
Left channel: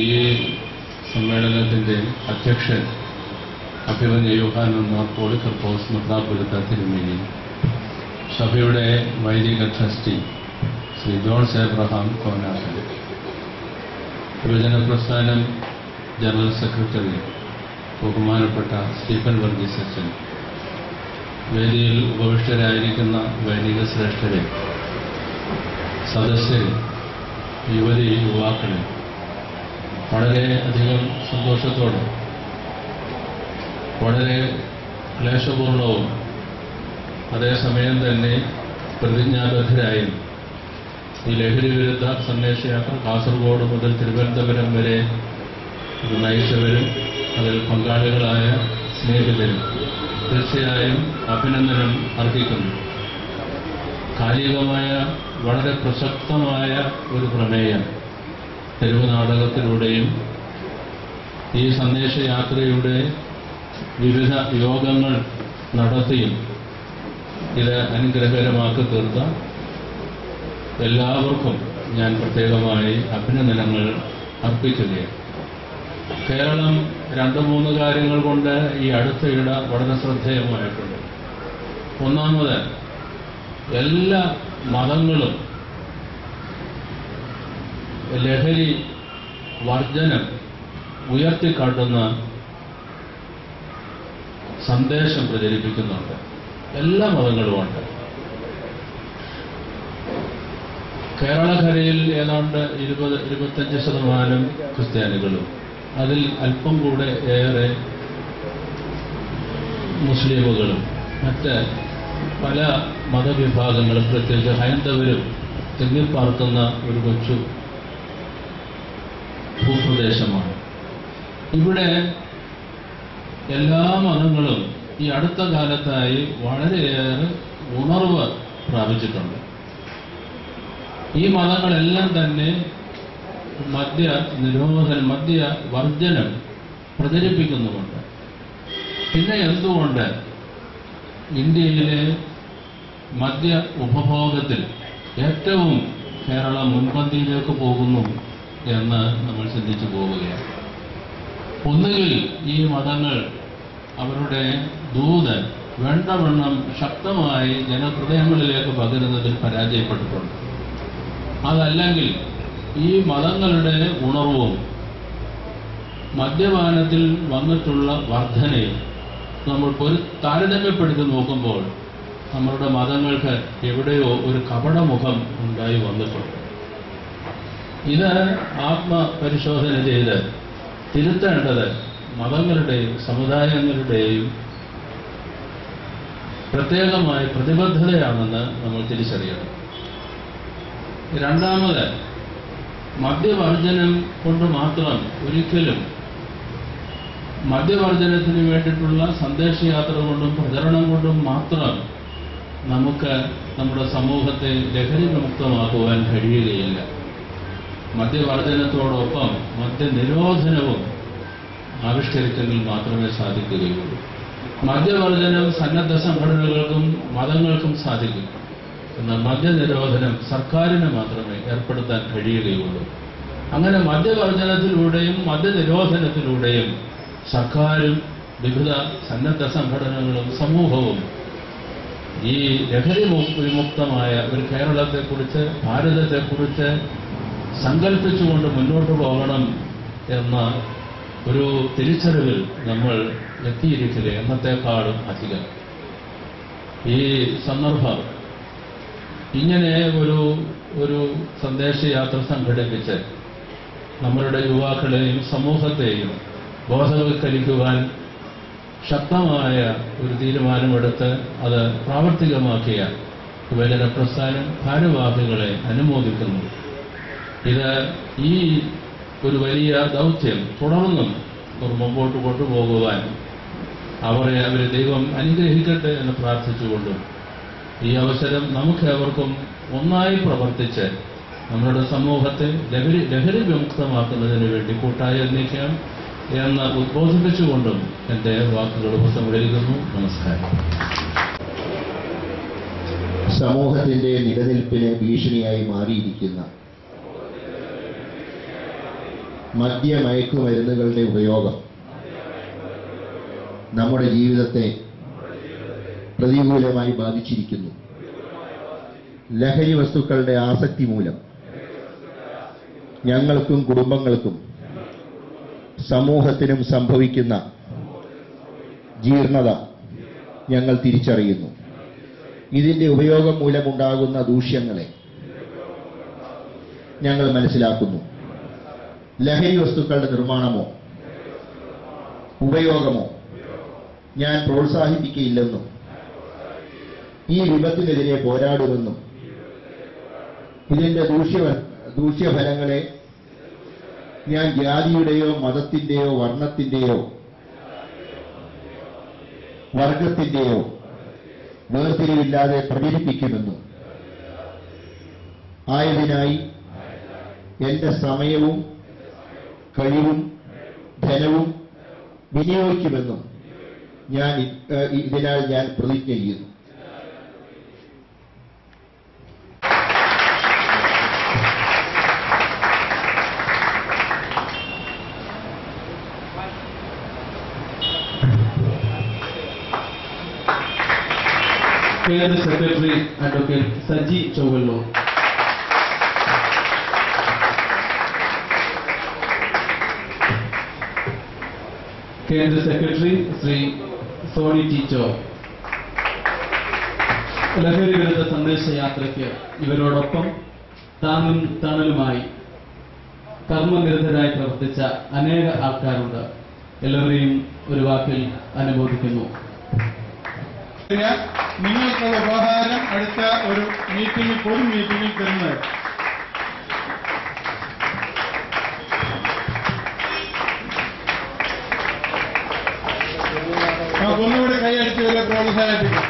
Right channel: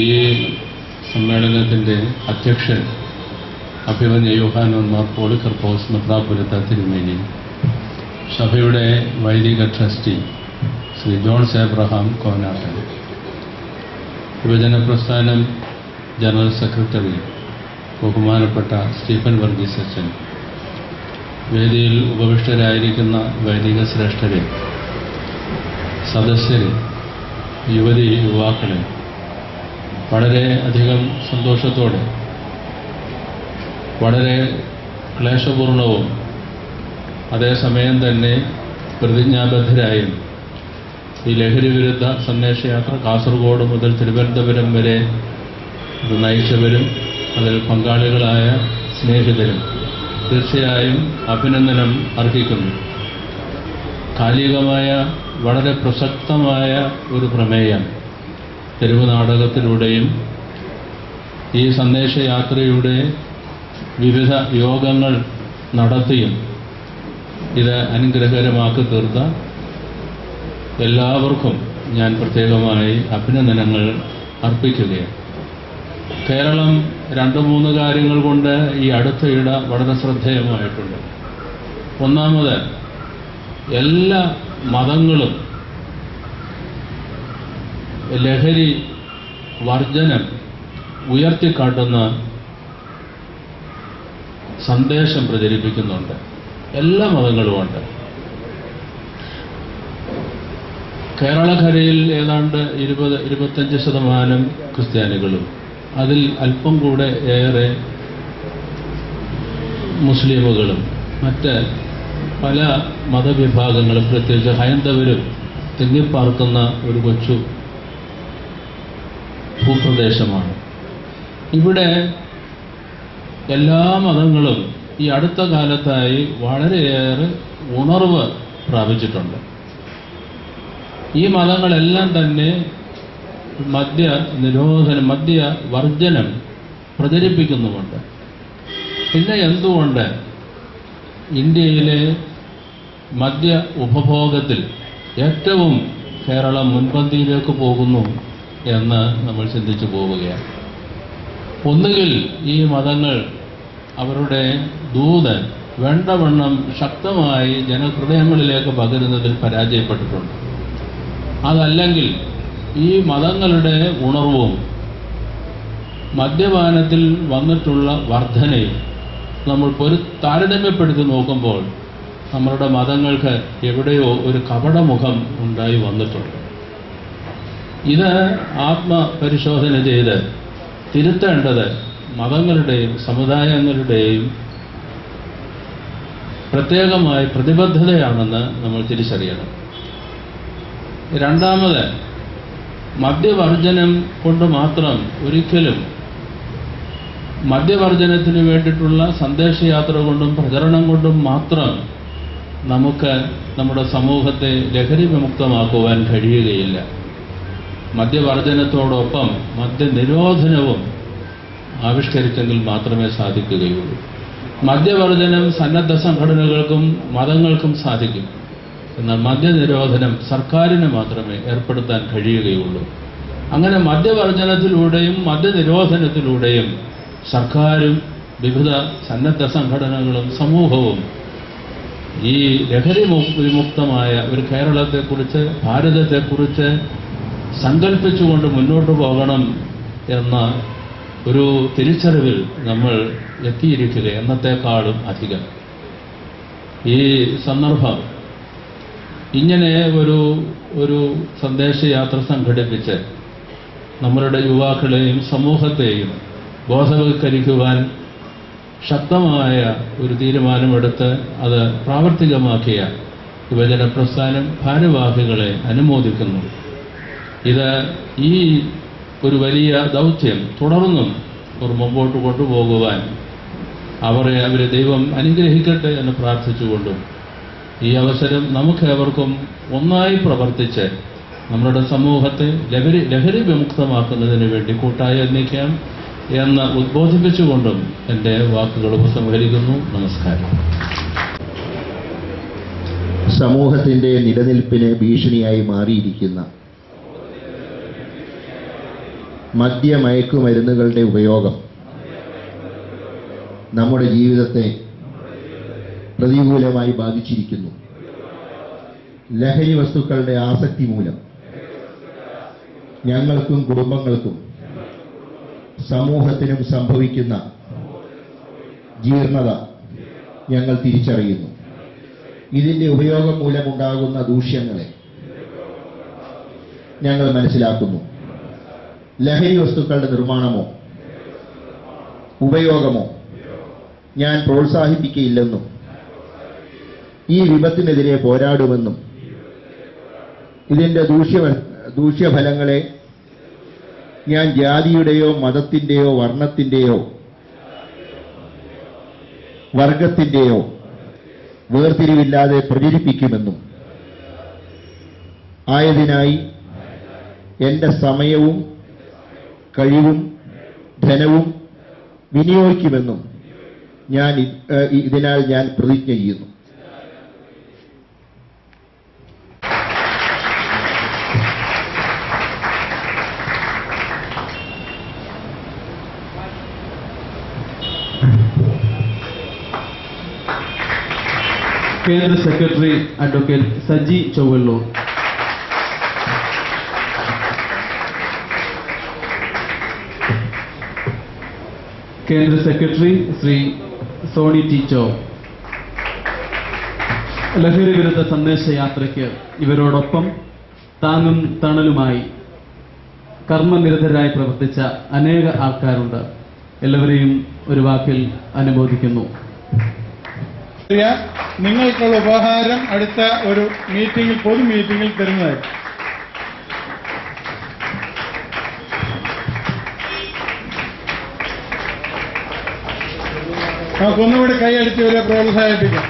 ഈ സമ്മേളനത്തിന്റെ അധ്യക്ഷൻ അഭിമന്യ യോഹാനൻ മാർ പോളികർപ്പോസ് മെത്രാപ്പൊലീത്ത തിരുമേനി, സഭയുടെ വൈദിക ട്രസ്റ്റി ശ്രീ ജോൺസ് എബ്രഹാം കോനാട്ടൻ, യുവജന പ്രസ്ഥാനം ജനറൽ സെക്രട്ടറി ബഹുമാനപ്പെട്ട സ്റ്റീഫൻ വർഗീസ് അച്ഛൻ, വേദിയിൽ ഉപവിഷ്ടരായിരിക്കുന്ന വൈദിക ശ്രേഷ്ഠരെ, സദസ്യരെ, യുവതി യുവാക്കളെ, വളരെ അധികം സന്തോഷത്തോടെ വളരെ ക്ലേശപൂർണവും അതേസമയം തന്നെ പ്രതിജ്ഞാബദ്ധരായും ഈ ലഹരി വിരുദ്ധ സന്ദേശയാത്ര കാസർഗോഡ് മുതൽ തിരുവനന്തപുരം വരെ ഇത് നയിച്ചവരും അതിൽ പങ്കാളികളായ സ്നേഹിതരും തീർച്ചയായും അഭിനന്ദനം അർഹിക്കുന്നു. കാലികമായ വളരെ പ്രസക്തമായ ഒരു പ്രമേയം തെരുവ് നാടകത്തിലൂടെയും ഈ സന്ദേശയാത്രയുടെ വിവിധ യോഗങ്ങൾ നടത്തിയും ഇത് അനുഗ്രഹകരമാക്കി തീർത്ത എല്ലാവർക്കും ഞാൻ പ്രത്യേകമായി അഭിനന്ദനങ്ങൾ അർപ്പിക്കുകയാണ്. കേരളം 2-3 കാര്യങ്ങൾ കൊണ്ട് ഈ അടുത്തയിടെ വളരെ ശ്രദ്ധേയമായിട്ടുണ്ട്. ഒന്നാമത്, എല്ലാ മതങ്ങളും ലഹരി വർജനം ഉയർത്തിക്കാട്ടുന്ന സന്ദേശം പ്രചരിപ്പിക്കുന്നുണ്ട്. എല്ലാ മതങ്ങളുമുണ്ട്. കേരളക്കരയിൽ ഏതാണ്ട് 20-25% ക്രിസ്ത്യാനികളും അതിൽ അല്പം കൂടെ ഏറെ മുസ്ലിമുകളും മറ്റ് പല മതവിഭാഗങ്ങളും പ്രത്യേകിച്ച് ഹൈന്ദവരും തിങ്ങിപ്പാർക്കുന്ന ഒരു കൊച്ചു ഭൂപ്രദേശമാണ്. ഇവിടെ എല്ലാ മതങ്ങളും ഈ അടുത്ത കാലത്തായി വളരെയേറെ ഉണർവ് പ്രാപിച്ചിട്ടുണ്ട്. ഈ മതങ്ങളെല്ലാം തന്നെ മദ്യ നിരോധനം, മദ്യ വർജനം പ്രചരിപ്പിക്കുന്നുമുണ്ട്. പിന്നെ എന്തുകൊണ്ട് ഇന്ത്യയിലെ മദ്യ ഉപഭോഗത്തിൽ ഏറ്റവും കേരളം മുൻപന്തിയിലേക്ക് പോകുന്നു എന്ന് നമ്മൾ ചിന്തിച്ചു പോവുകയാണ്. ഒന്നുകിൽ ഈ മതങ്ങൾ അവരുടെ ദൂത് വേണ്ടവണ്ണം ശക്തമായി ജനഹൃദയങ്ങളിലേക്ക് പകരുന്നതിൽ പരാജയപ്പെട്ടിട്ടുണ്ട്. അതല്ലെങ്കിൽ ഈ മതങ്ങളുടെ ഉണർവും മദ്യപാനത്തിൽ വന്നിട്ടുള്ള വർധനയും നമ്മൾ താരതമ്യപ്പെടുത്തി നോക്കുമ്പോൾ നമ്മളുടെ മതങ്ങൾക്ക് എവിടെയോ ഒരു കപടമുഖം ഉണ്ടായി വന്നിട്ടുണ്ട്. ഇത് ആത്മപരിശോധന ചെയ്ത് തിരുത്തേണ്ടത് മതങ്ങളുടെയും സമുദായങ്ങളുടെയും പ്രത്യേകമായ പ്രതിബദ്ധതയാണെന്ന് നമ്മൾ തിരിച്ചറിയണം. രണ്ടാമത്, മദ്യവർജനം കൊണ്ട് മാത്രം ഒരിക്കലും മദ്യവർജനത്തിന് വേണ്ടിയിട്ടുള്ള സന്ദേശയാത്ര കൊണ്ടും പ്രചരണം കൊണ്ടും മാത്രം നമുക്ക് നമ്മുടെ സമൂഹത്തെ ലഹരി വിമുക്തമാക്കുവാൻ കഴിയുകയില്ല. മദ്യവർജനത്തോടൊപ്പം മദ്യനിരോധനവും ആവിഷ്കരിച്ചെങ്കിൽ മാത്രമേ സാധിക്കുകയുള്ളൂ. മദ്യവർജനം സന്നദ്ധ സംഘടനകൾക്കും മതങ്ങൾക്കും സാധിക്കും. എന്നാൽ മദ്യനിരോധനം സർക്കാരിന് മാത്രമേ ഏർപ്പെടുത്താൻ കഴിയുകയുള്ളൂ. അങ്ങനെ മദ്യവർജനത്തിലൂടെയും മദ്യനിരോധനത്തിലൂടെയും സർക്കാരും വിവിധ സന്നദ്ധ സംഘടനകളും സമൂഹവും ഈ ലഹരി വിമുക്തമായ ഒരു കേരളത്തെക്കുറിച്ച്, ഭാരതത്തെക്കുറിച്ച് സങ്കല്പിച്ചുകൊണ്ട് മുന്നോട്ട് പോകണം എന്ന ഒരു തിരിച്ചറിവിൽ നമ്മൾ എത്തിയിരിക്കുക എന്നത്തെക്കാളും അധികം. ഈ സന്ദർഭം ഇങ്ങനെ ഒരു സന്ദേശയാത്ര സംഘടിപ്പിച്ച് നമ്മളുടെ യുവാക്കളെയും സമൂഹത്തെയും ബോധവൽക്കരിക്കുവാൻ ശക്തമായ ഒരു തീരുമാനമെടുത്ത് അത് പ്രാവർത്തികമാക്കിയ യുവജന പ്രസ്ഥാനം ഭാരവാഹികളെ അനുമോദിക്കുന്നു. ഇത് ഈ ഒരു വലിയ ദൗത്യം തുടർന്നും മുമ്പോട്ട് കൊണ്ടുപോകുവാൻ അവരെ ദൈവം അനുഗ്രഹിക്കട്ടെ എന്ന് പ്രാർത്ഥിച്ചുകൊണ്ടും ഈ അവസരം നമുക്കേവർക്കും ഒന്നായി പ്രവർത്തിച്ച് നമ്മുടെ സമൂഹത്തെ ലഹരി വിമുക്തമാക്കുന്നതിന് വേണ്ടി കൂട്ടായി ഒന്നിക്കാം എന്ന് ഉദ്ബോധിപ്പിച്ചുകൊണ്ടും എൻ്റെ വാക്കുകൾ ഉപസംഹരിക്കുന്നു. നമസ്കാരം. സമൂഹത്തിന്റെ നിലനിൽപ്പിന് ഭീഷണിയായി മാറിയിരിക്കുന്ന മദ്യമയക്കുമരുന്നുകളുടെ ഉപയോഗം നമ്മുടെ ജീവിതത്തെ പ്രതികൂലമായി ബാധിച്ചിരിക്കുന്നു. ലഹരി വസ്തുക്കളുടെ ആസക്തി മൂലം ഞങ്ങൾക്കും കുടുംബങ്ങൾക്കും സമൂഹത്തിനും സംഭവിക്കുന്ന ജീർണത ഞങ്ങൾ തിരിച്ചറിയുന്നു. ഇതിന്റെ ഉപയോഗം മൂലമുണ്ടാകുന്ന ദൂഷ്യങ്ങളെ ഞങ്ങൾ മനസ്സിലാക്കുന്നു. ലഹരി വസ്തുക്കളുടെ നിർമ്മാണമോ ഉപയോഗമോ ഞാൻ പ്രോത്സാഹിപ്പിക്കുകയില്ലെന്നും ഈ വിപത്തിനെതിരെ പോരാടുമെന്നും ഇതിന്റെ ദൂഷ്യഫലങ്ങളെ ഞാൻ ജാതിയുടെയോ മതത്തിന്റെയോ വർണ്ണത്തിന്റെയോ വർഗത്തിന്റെയോ വേർതിരിവില്ലാതെ പ്രചരിപ്പിക്കുമെന്നും ആയതിനായി എന്റെ സമയവും കഴിവും ധനവും വിനിയോഗിക്കുമെന്നും ഇതിനാൽ ഞാൻ പ്രതിജ്ഞ ചെയ്യുന്നു. കേന്ദ്ര സെക്രട്ടറി അഡ്വക്കേറ്റ് സജി ചൊവ്വള്ളൂർ, കേന്ദ്ര സെക്രട്ടറി ശ്രീ സോണി ടീച്ചോ, ലഹരി വിരുദ്ധ സന്ദേശയാത്രയ്ക്ക് ഇവരോടൊപ്പം താങ്ങും തണലുമായി കർമ്മനിരതരായി പ്രവർത്തിച്ച അനേക ആൾക്കാരുണ്ട്. എല്ലാവരെയും ഒരു വാക്കിൽ അനുമോദിക്കുന്നു. നിങ്ങൾക്കുള്ള ഉപഹാരം അടുത്ത ഒരു മീറ്റിംഗിൽ, പൊതു മീറ്റിംഗിൽ തരുന്നതായിരിക്കും. നമുക്കൊന്നുകൂടി കൈയടിച്ച് വരെ പ്രോത്സാഹിപ്പിക്കും.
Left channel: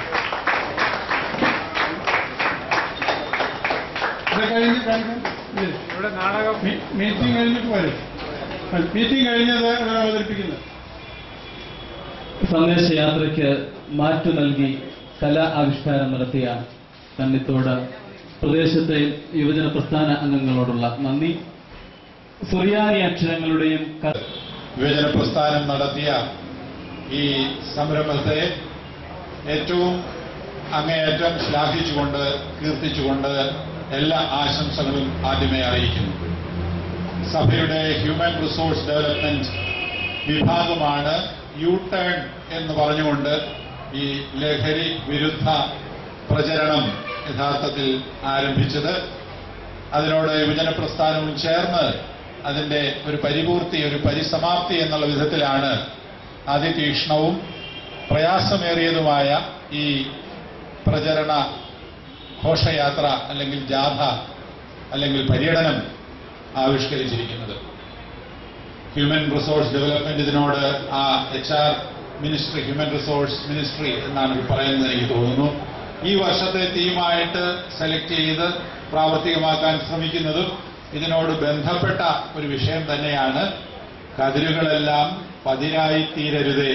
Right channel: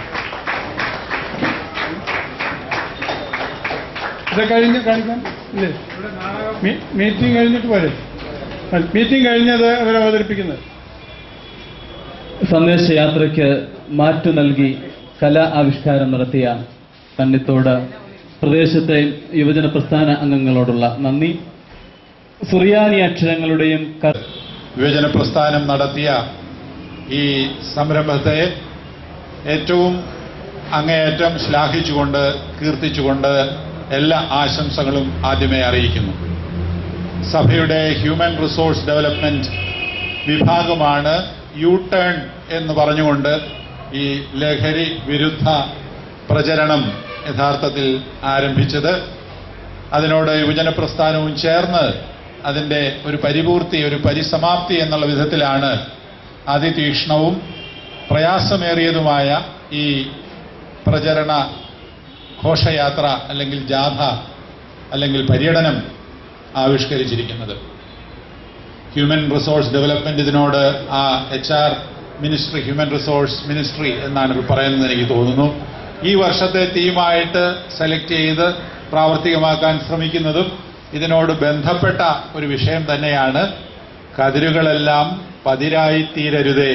ഇത് കഴിഞ്ഞ് കാണിക്കാം. ഇല്ലേ, മീറ്റിംഗ് കഴിഞ്ഞിട്ട് പോരെ, മീറ്റിംഗ് കഴിഞ്ഞത് അവർ അവതരിപ്പിക്കുന്നത്. സന്ദേശയാത്രയ്ക്ക് മാറ്റു നൽകി കലാ ആവിഷ്കാരം നടത്തിയ കണ്ണിത്തോട് പ്രദേശത്തെ യുവജന പ്രസ്ഥാന അംഗങ്ങളോടുള്ള നന്ദി. സുറിയാനി അക്ഷരങ്ങളുടെയും യുവജന പ്രസ്ഥാനം നടത്തിയ ഈ സംരംഭത്തെ ഏറ്റവും അങ്ങേയറ്റം ശ്ലാഘിച്ചുകൊണ്ട്, കീർത്തിച്ചുകൊണ്ട് എല്ലാ ആശംസകളും ആദ്യമേ അറിയിക്കുന്നു. സഭയുടെ ഹ്യൂമൻ റിസോഴ്സ് ഡെവലപ്മെന്റ് വിഭാഗമാണ് യു ടേൺ എന്ന് പറഞ്ഞുകൊണ്ട് ഈ ലഹരി വിരുദ്ധ പ്രചരണം യഥാർത്ഥത്തിൽ ആരംഭിച്ചത്. അതിനോട് യുവജന പ്രസ്ഥാനവും ചേർന്ന് അതിന്റെ ഒരു പരിപൂർത്തി, ഒരു പരിസമാപ്തി എന്നുള്ള വിധത്തിലാണ് അതിതീക്ഷ്ണവും പ്രയാസമേറിയതുമായ ഈ പ്രചരണ ഘോഷയാത്ര അല്ലെങ്കിൽ ജാഥ അല്ലെങ്കിൽ പര്യടനം ആവിഷ്കരിച്ചിരിക്കുന്നത്. ഹ്യൂമൻ റിസോഴ്സ് ഡെവലപ്മെന്റ് ഇതിനോട് ആ HR ministry, human resource ministry എന്നാണ് ഇത് പറയുന്നത് എനിക്ക് തോന്നുന്നു. ഈ വർഷത്തെ തീമായിട്ട് സെലക്ട് ചെയ്ത് പ്രാവർത്തികമാക്കാൻ ശ്രമിക്കുന്നതും ഇതിനോട് ബന്ധപ്പെട്ട ഒരു വിഷയം തന്നെയാണ്. കതിരുകളെല്ലാം പതിരായി തീരരുതേ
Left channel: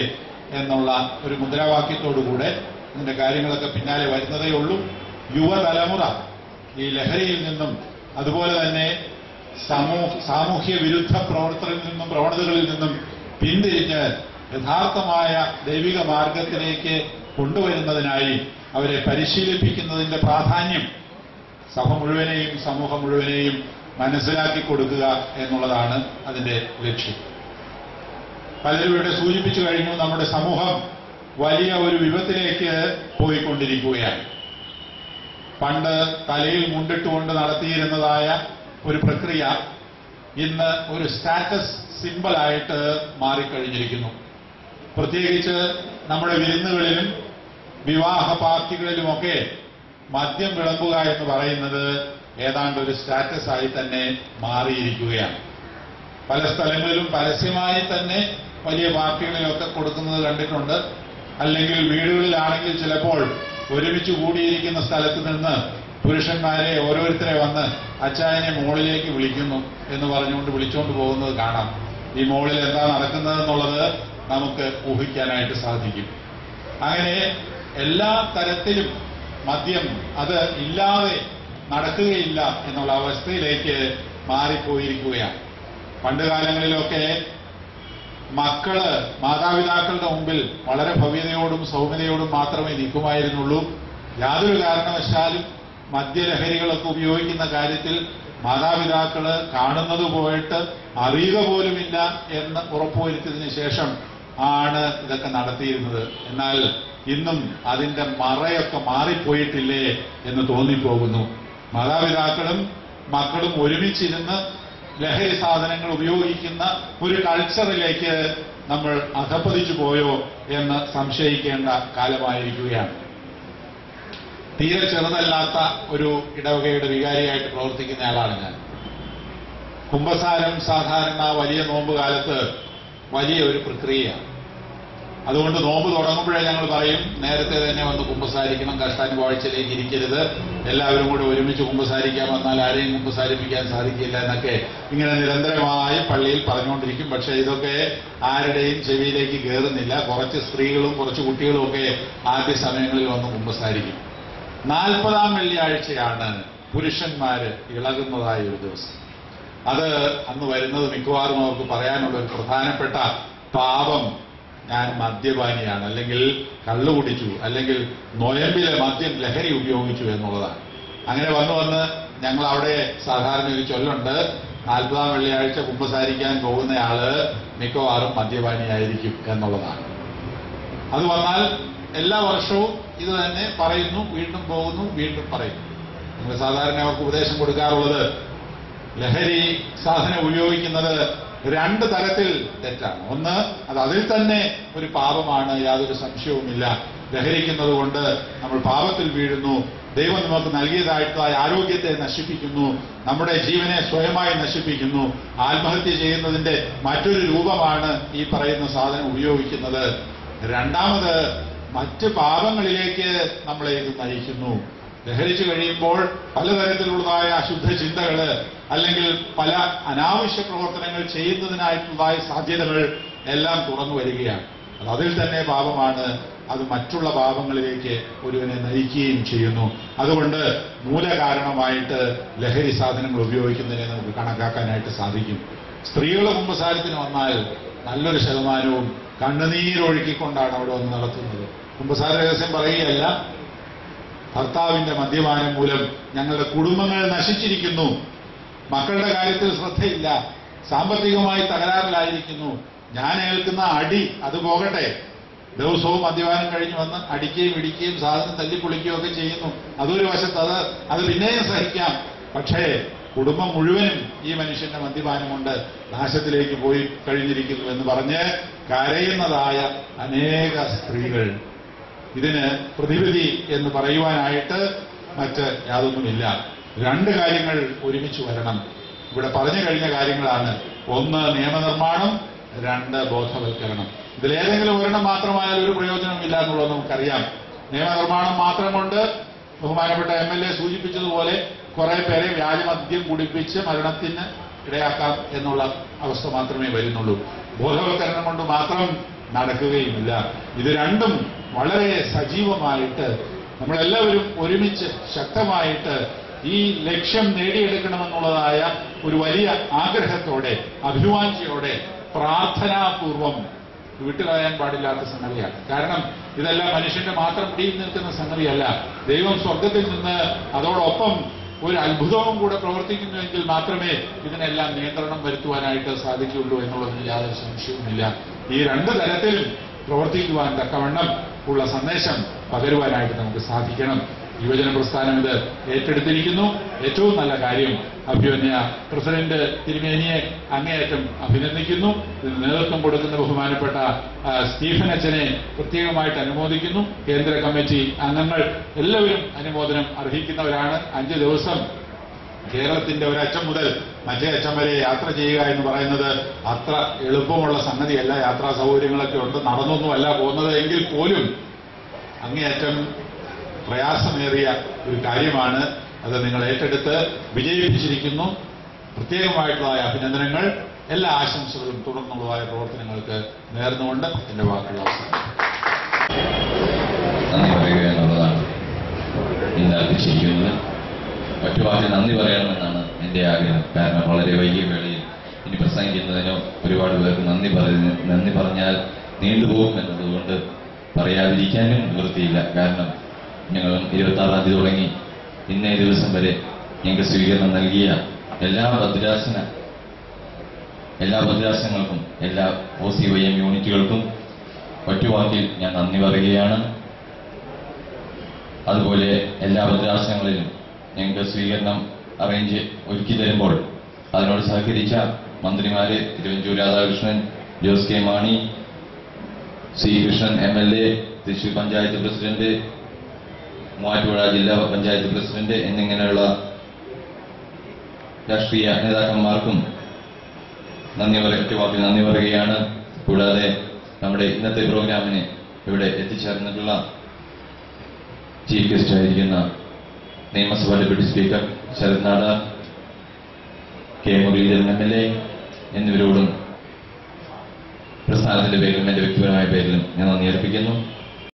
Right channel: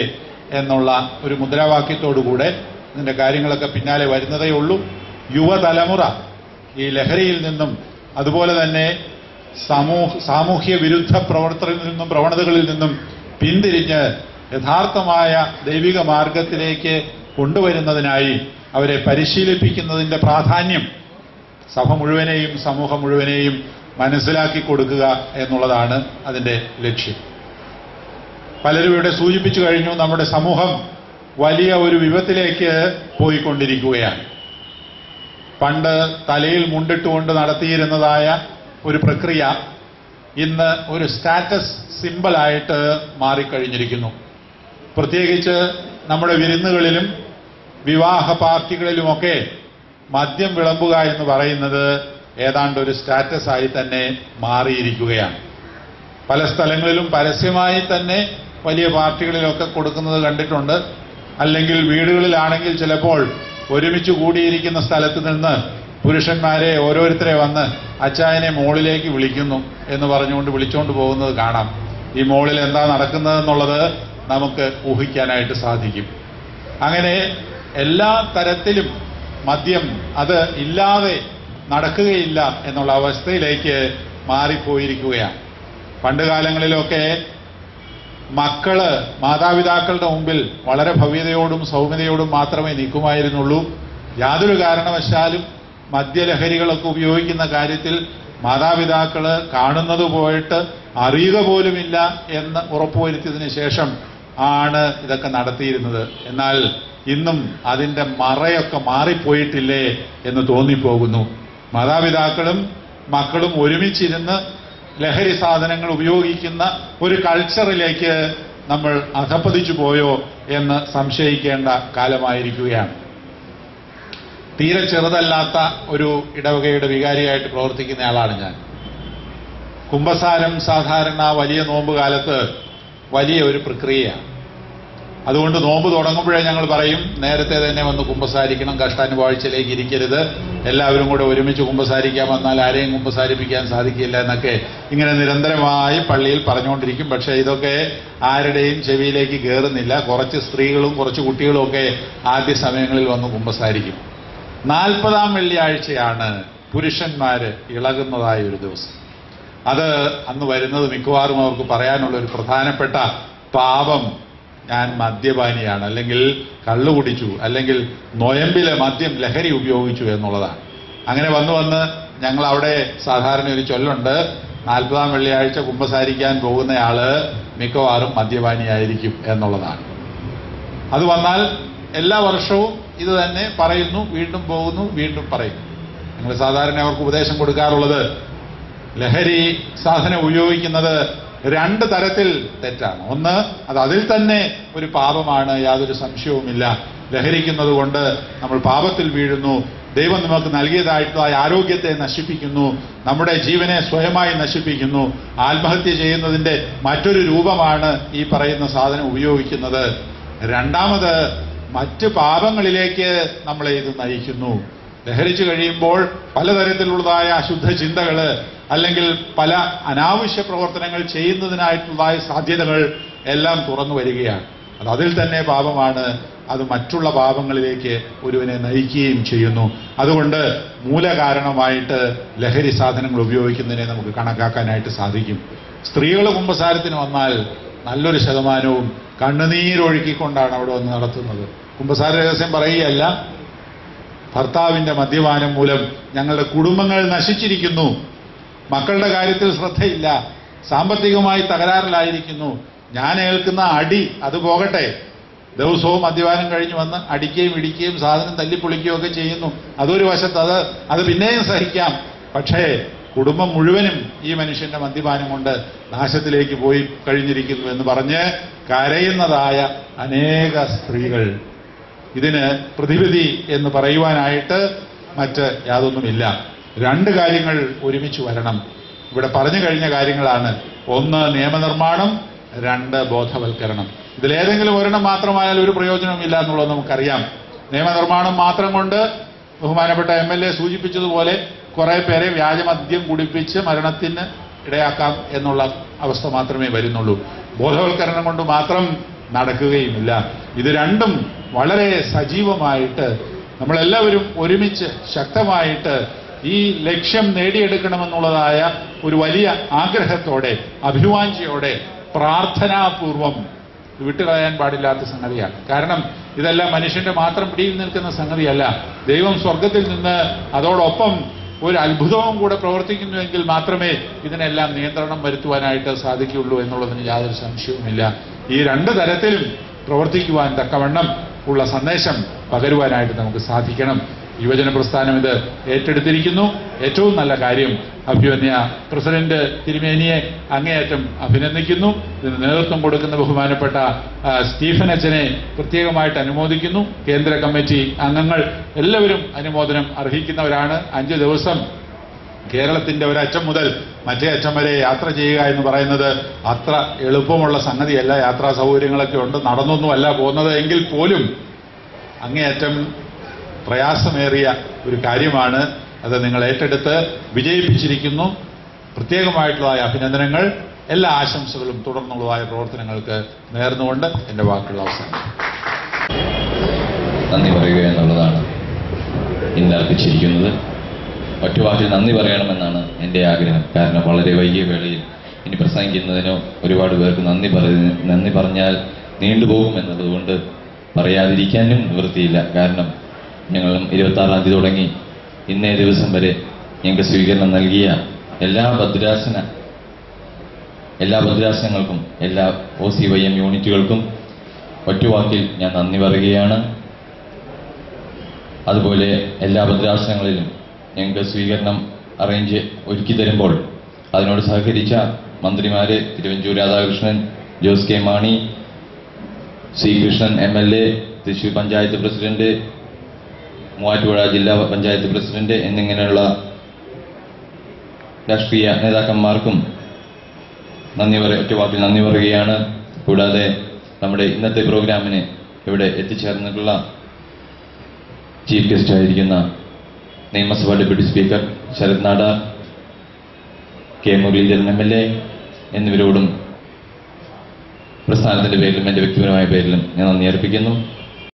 എന്നുള്ള ഒരു മുദ്രാവാക്യത്തോടുകൂടെ ഇതിന്റെ കാര്യങ്ങളൊക്കെ പിന്നാലെ വരുന്നതേ ഉള്ളൂ. യുവതലമുറ ഈ ലഹരിയിൽ നിന്നും അതുപോലെ തന്നെ സാമൂഹ്യ വിരുദ്ധ പ്രവണതകളിൽ നിന്നും പിന്തിരിഞ്ഞ് യഥാർത്ഥമായ ദൈവിക മാർഗത്തിലേക്ക് കൊണ്ടുവരുന്നതിനായി അവരെ പരിശീലിപ്പിക്കുന്നതിന്റെ പ്രാധാന്യം സഭ മുഴുവനെയും സമൂഹം മുഴുവനെയും മനസ്സിലാക്കി കൊടുക്കുക എന്നുള്ളതാണ് അതിന്റെ ലക്ഷ്യം. പലരും ഇവിടെ സൂചിപ്പിച്ചു കഴിഞ്ഞു, നമ്മുടെ സമൂഹം വലിയ ഒരു വിപത്തിലേക്ക് പോയിക്കൊണ്ടിരിക്കുകയാണ്. പണ്ട് തലയിൽ മുണ്ടിട്ടുകൊണ്ട് നടത്തിയിരുന്നതായ ഒരു പ്രക്രിയ ഇന്ന് ഒരു സ്റ്റാറ്റസ് സിംബലായിട്ട് മാറിക്കഴിഞ്ഞിരിക്കുന്നു. പ്രത്യേകിച്ച് നമ്മുടെ വിരുന്നുകളിലും വിവാഹ പാർട്ടികളിലുമൊക്കെ മദ്യം വിളമ്പുക എന്ന് പറയുന്നത് ഏതാണ്ട് ഒരു സ്റ്റാറ്റസ് ആയി തന്നെ മാറിയിരിക്കുകയാണ്. പല സ്ഥലങ്ങളിലും പരസ്യമായി തന്നെ വലിയ പാർട്ടികളിലൊക്കെ കൊടുക്കുന്നത് കണ്ടിട്ടുണ്ട്. അല്ലെങ്കിൽ വീടുകളിലാണെങ്കിൽ ചിലപ്പോൾ ഒരുമിച്ച് കൂടിയിരിക്കുന്ന സ്ഥലത്ത് നിന്ന് പുരുഷന്മാരെ ഓരോരുത്തരെ വന്ന് അച്ചായനെ മോളിലേക്ക് വിളിക്കുന്നു എന്ന് പറഞ്ഞുകൊണ്ട് വിളിച്ചുകൊണ്ട് പോകുന്നത് കാണാം. ഈ മോളിൽ എന്താ നടക്കുന്നതെന്നുള്ളത് നമുക്ക് ഊഹിക്കാനായിട്ട് സാധിക്കും. അങ്ങനെ എല്ലാ തരത്തിലും മദ്യം അത് ഇല്ലാതെ നടക്കുകയില്ല എന്നുള്ള അവസ്ഥയിലേക്ക് മാറിപ്പോയിരിക്കുകയാണ്. പണ്ടുകാലങ്ങളിലൊക്കെ മക്കള് മാതാപിതാക്കളുടെ മുമ്പിൽ വളരെ ഭവ്യതയോടും സൗമ്യതയോടും മാത്രമേ നിൽക്കുമായിരുന്നുള്ളൂ. യാതൊരു കാരണവശാലും മദ്യലഹരികളൊക്കെ ഉപയോഗിക്കുന്ന കാര്യത്തിൽ മാതാപിതാക്കള് കാണുന്നത് പോയിട്ട് അറിയുക പോലുമില്ല എന്ന് ഉറപ്പുവരുത്തിയതിനു ശേഷം ആണ് ഇതൊക്കെ നടത്തിയിരുന്നത്. എന്നാൽ ഇന്നും അതിന്റെ മറയൊക്കെ മാറിപ്പോയിട്ടില്ലേ എന്ന് തോന്നിപ്പോകുന്നു. മാതാപിതാക്കളും മക്കളും ഒരുമിച്ചിരുന്ന് ലഹരി സാധനങ്ങൾ ഉപയോഗിക്കുന്ന ഒരു കൾച്ചറിലേക്ക് നമ്മൾ അധപ്പതിച്ചു പോയോ എന്ന് സംശയിക്കേണ്ട കാലമായിരിക്കുകയാണ്. തീരെ ചെറുതല്ലാത്ത ഒരു ഇടവകയുടെ വികാരിയായിട്ട് പ്രവർത്തിക്കുന്ന ആളാണ് ഞാൻ. കുംഭസാരം സാധാരണ വലിയ നോമ്പ് കാലത്ത് വലിയ ഒരു പ്രക്രിയയാണ്. അതുകൊണ്ട് നോമ്പ് തുടങ്ങുമ്പോഴേ ഞങ്ങൾ പറയും, നേരത്തെ തന്നെ വന്ന് കുമ്പസാരിക്കണം, കഷ്ടാനുവാഴ്ചയിലേക്ക് ഇരിക്കരുത്, എല്ലാവരും കൂടെ ഒരുമിച്ച് കുമ്പസാരിക്കാൻ വന്നാൽ ആരെയും കുമ്പസാരിപ്പിക്കാൻ സാധിക്കില്ല എന്നൊക്കെ ഇങ്ങനെ നിരന്തരമായി പള്ളിയിൽ പറഞ്ഞുകൊണ്ടിരിക്കും. പക്ഷേ ഇതൊക്കെ ആരുടെയും ചെവിയിലേക്ക് കയറുന്നില്ല. കുറച്ച് സ്ത്രീകളും കുറച്ച് കുട്ടികളും ഒക്കെ ആദ്യ സമയങ്ങളിൽ വന്ന് കുമ്പസാരിക്കും. 40-ാം വെള്ളിയാഴ്ചയാണ് പുരുഷന്മാര് ഇളകുന്നതായ ഒരു ദിവസം. അത് അന്ന് വരുന്നത് മിക്കവാറും അവർക്ക് പറയാനുള്ള ഒരു പ്രധാനപ്പെട്ട പാപം, ഞാൻ മദ്യപാനിയാണ്, അല്ലെങ്കിൽ കള്ളു കുടിച്ചു, അല്ലെങ്കിൽ നൊയമ്പിലെ മദ്യം ലഹരി ഉപയോഗിച്ചു എന്നുള്ളതാണ്. അങ്ങനെ വന്ന് ഞങ്ങൾ അവിടെ സാധാരണ ഒരു ചൊല്ലുണ്ട്, 40-ാം വെള്ളിയാഴ്ച കുമ്പസാരിക്കാൻ പോകുന്നയാള് മിക്കവാറും മദ്യപാനിയായിരിക്കും എന്നുള്ളതാണ്. അത് വന്നാൽ എല്ലാ വർഷവും ഇത് തന്നെ പറയുന്നു, വീണ്ടും പോകുന്നു, വീണ്ടും പറയുന്നു. ഞങ്ങൾ സാധാരണ അവർക്ക് ഉപദേശം കൊടുക്കാറുള്ളത്, ലഹരി സാധനം ഉപയോഗിക്കുന്നത് 2 തരത്തിൽ തെറ്റാണ്. ഒന്ന്, അത് അതിൽ തന്നെ ഒരു പാപമാണ്, യാതൊരു സംശയവുമില്ല. ലഹരിക്കുന്നത് കൊണ്ട് നമ്മൾ പാപത്തിൽ വീഴുന്നു, ദൈവം നമുക്ക് നൽകിയതായിട്ടുള്ള ആരോഗ്യത്തെ നശിപ്പിക്കുന്നു, നമ്മുടെ ജീവനെ സ്വയമായി നശിപ്പിക്കുന്നു. ആത്മഹത്യ ചെയ്യുന്നതിന്റെ മറ്റൊരു രൂപമാണ് ഈ പറയുന്ന സാധനം ഉപയോഗിക്കുന്നത്. രണ്ടാമത്, മറ്റ് പാപങ്ങളിലേക്ക് നമ്മളെ ഇത് നയിക്കുന്നു. ലഹരിച്ചു കഴിയുമ്പോൾ പലതരത്തിലുള്ളതായ അശുദ്ധ ചിന്തകള്, അല്ലെങ്കിൽ പല അനാവശ്യ പ്രവർത്തനങ്ങൾ ചെയ്യുന്നതിനായിട്ടുള്ളതായ സാധ്യതകൾ എല്ലാം തുറന്നു വരികയാണ്. അത് അതിൽ തന്നെ പാപമാണ്. അത് മറ്റുള്ള പാപങ്ങളിലേക്ക് ഒരുവനെ നയിക്കുകയും ചെയ്യുന്നു. അതുകൊണ്ട് മൂലകാരണമായിട്ട് ലഹരി സാധനങ്ങൾ ഉപയോഗിക്കുന്നതിനെ നമുക്ക് കണക്കാക്കാനായിട്ട് സാധിക്കും. സ്ത്രീകൾ കുമ്പസാരത്തിന് വന്നാൽ നല്ലൊരു ശതമാനവും കണ്ണുനീരൊഴുക്കിക്കൊണ്ടാണ് അവിടെ വന്ന് നടത്തുന്നത്. കുമ്പസാര രഹസ്യം പറയുകയല്ല, ഭർത്താവിന്റെ മദ്യപാനം മൂലം ഞങ്ങളുടെ കുടുംബങ്ങൾ നശിച്ചിരിക്കുന്നു, മക്കളുടെ കാര്യത്തിൽ ശ്രദ്ധയില്ല, സാമ്പത്തികമായി തകരാറിലായിരിക്കുന്നു, ഞാൻ ഏൽക്കുന്ന അടി അത് പോകട്ടെ, ദിവസവും മദ്യപാനം കഴിഞ്ഞ് വന്ന് അടിക്കുകയും ഇടിക്കുകയും സാധനം തല്ലിപ്പൊളിക്കുകയും ഒക്കെ ചെയ്യുന്നു. അതൊരു വശത്ത് അത് പിന്നെയും സഹിക്കാം. പക്ഷേ കുടുംബം മുഴുവനും ഈ മനുഷ്യന്റെ മദ്യപാനം കൊണ്ട് നാശത്തിലേക്ക് പോയി കഴിഞ്ഞിരിക്കുന്നു എന്ന് പറഞ്ഞ് കരയുന്നതായ അനേക സ്ത്രീകൾ. ഇതിന് പ്രതിവിധി എന്ന് പറയുവാനായിട്ട് മറ്റ് യാതൊന്നുമില്ല. 2 കാര്യങ്ങൾ ഒരുമിച്ച് വരണം. ഇവിടെ പറഞ്ഞു കഴിഞ്ഞ കാര്യങ്ങളാണ്. 1 നിയമനിർമ്മാണം, 2 ബോധവൽക്കരണം. ഇതിലേതെങ്കിലും ഒരെണ്ണം മാത്രമായാൽ ഒരു പ്രയോജനവുമില്ല എന്നുള്ളത് നമുക്കറിയാം. നിയമനിർമ്മാണം മാത്രം കൊണ്ട് ബഹുമാനപ്പെട്ട MLA സൂചിപ്പിച്ചതുപോലെ കുറെ പേരെ വ്യാജമദ്യം കുടിപ്പിച്ച് മരണത്തിന് ഇടയാക്കാം എന്നുള്ള അവസ്ഥ മാത്രമേ വരുന്നുള്ളൂ. ബോധവൽക്കരണം കൊണ്ട് മാത്രം നടക്കുകയുമില്ല. ഇത് രണ്ടും വളരെ സജീവമായിട്ട് നമ്മളെല്ലാവരും ഒരുമിച്ച് ശക്തമായിട്ട് ഈ ലക്ഷ്യം നേടിയെടുക്കണമെന്നുള്ളതായ ഒരു വലിയ ആഗ്രഹത്തോടെ, അഭിവാഞ്ചയോടെ, പ്രാർത്ഥനാപൂർവം വിട്ടുകളയാൻ പാടില്ലാത്ത സംഗതിയാണ്. കാരണം ഇതെല്ലാം മനുഷ്യന്റെ മാത്രം പിടിയിൽ നിൽക്കുന്ന സംഗതിയല്ല. ദൈവം സ്വർഗത്തിൽ നിന്ന് അതോടൊപ്പം ഒരു അത്ഭുതവും കൂടെ പ്രവർത്തിക്കുന്നുവെങ്കിൽ മാത്രമേ ഇതിനെല്ലാം നിയന്ത്രണം വരുത്തുവാനായിട്ട് സാധിക്കുകയുള്ളൂ എന്നുള്ളതിന് യാതൊരു സംശയവുമില്ല. ഈ 2 തരത്തിലും പ്രവർത്തിക്കുവാൻ തക്കവണ്ണം ഉള്ള സന്ദേശം പകരുവാനായിട്ട് നമുക്ക് സാധിക്കണം. യുവജന പ്രസ്ഥാനം ഇത് ഏറ്റെടുത്തിരിക്കുന്നു. ഏറ്റവും നല്ല കാര്യം. അഭിമന്യ പ്രസിഡന്റ് തിരുമേനിയെ അങ്ങേയറ്റം അഭിനന്ദിക്കുന്നു. ഇതിന് നേതൃത്വം കൊടുക്കുന്ന ബഹുമാനപ്പെട്ട സ്റ്റീഫൻ അച്ഛനെ പ്രത്യേകമായിട്ട് അനുമോദിക്കുന്നു. കേന്ദ്ര കമ്മിറ്റി അംഗങ്ങൾ എല്ലാവരും അനുമോദനം അർഹിക്കുന്നവരാണ്. 5 ദിവസം കേരളത്തിന്റെ ഒരറ്റം മുതൽ മറ്റേ അറ്റം വരെ യാത്ര ചെയ്യുക എന്ന് പറയുന്നത് അത്ര എളുപ്പമുള്ള സംഗതിയല്ല. യാത്രാ സൗകര്യങ്ങളൊക്കെ ഉണ്ട്, നടന്നൊന്നുമല്ല പോകുന്നത് എങ്കിൽ പോലും അങ്ങേയറ്റം പ്രയാസമേറിയ ഒരു കാര്യമാണ്. അത് നിങ്ങൾ ഏറ്റെടുത്ത് വിജയിപ്പിച്ചിരിക്കുന്നു. പ്രത്യേകമായിട്ടുള്ള അഭിനന്ദനങ്ങൾ, എല്ലാ ആശംസകളും തുടർന്നുള്ളതായ പ്രവർത്തനങ്ങൾക്ക് നേർന്നുകൊണ്ട് എന്റെ വാക്കുകൾ അവസാനിക്കും. നന്ദി പറയുക എന്നുള്ളതാണ് ഇന്ന് അർപ്പിച്ചിരിക്കുന്നത്. ഒറ്റവാക്കിൽ നന്ദി പറയണമെന്നാണ് എൻ്റെ ആഗ്രഹം. കാരണം വളരെ വൈകിയ വേളയിൽ ഇനി പ്രസംഗിക്കുന്നതിനോ ഒരുപാട് പേർക്ക് നന്ദി പറഞ്ഞാൽ നീണ്ടുപോകും എന്നതുകൊണ്ട് പറയാതിരിക്കാനും നിവൃത്തിയില്ല. കാരണം ഞങ്ങളും 26-ാം തീയതി തുടങ്ങി ഇന്നേ ദിവസം വരെ ഞങ്ങൾക്ക് സ്വീകരണം നൽകിയ എല്ലാ ഭദ്രാസനങ്ങൾക്കും എല്ലാ OCYM യൂണിറ്റുകൾക്കും ഒറ്റവാക്കിൽ ഞാൻ നന്ദി പറയുകയാണ്. അതുപോലെ എല്ലാ ഭദ്രാസനങ്ങളിലും ഞങ്ങൾക്ക് സ്വീകരണം ഒരുക്കി തരുമ്പോൾ അതിനോട് സഹകരിച്ച മന്ത്രിമാര് തിരുവഞ്ചൂർ രാധാകൃഷ്ണൻ, ജോസ് കെ മാണി, സി കൃഷ്ണൻ MLA, തൃശൂർ പഞ്ചായത്ത് പ്രസിഡന്റ്, മൂവാറ്റുപുഴ ജില്ലാ പഞ്ചായത്ത് പ്രസിഡന്റ് എന്നിങ്ങനെയുള്ള രാഷ്ട്രീയ നേതാക്കന്മാർക്കും ഒറ്റവാക്കിൽ നന്ദി പറയുകയാണ്. കൂടാതെ നമ്മുടെ ഇന്നത്തെ പ്രോഗ്രാമിന് ഇവിടെ എത്തിച്ചേർന്നിട്ടുള്ള ചീഫ് ഗസ്റ്റ് ആയിരിക്കുന്ന നിയമസഭാ deputy speaker Sarath Nadar, K Muraleedharan MLA എന്നിവരോടും പ്രസ്ഥാനത്തിന്റെ പേരിലും എന്റെ വ്യക്തിപരമായ പേരിലും ഞാൻ നന്ദി അർപ്പിക്കുന്നു.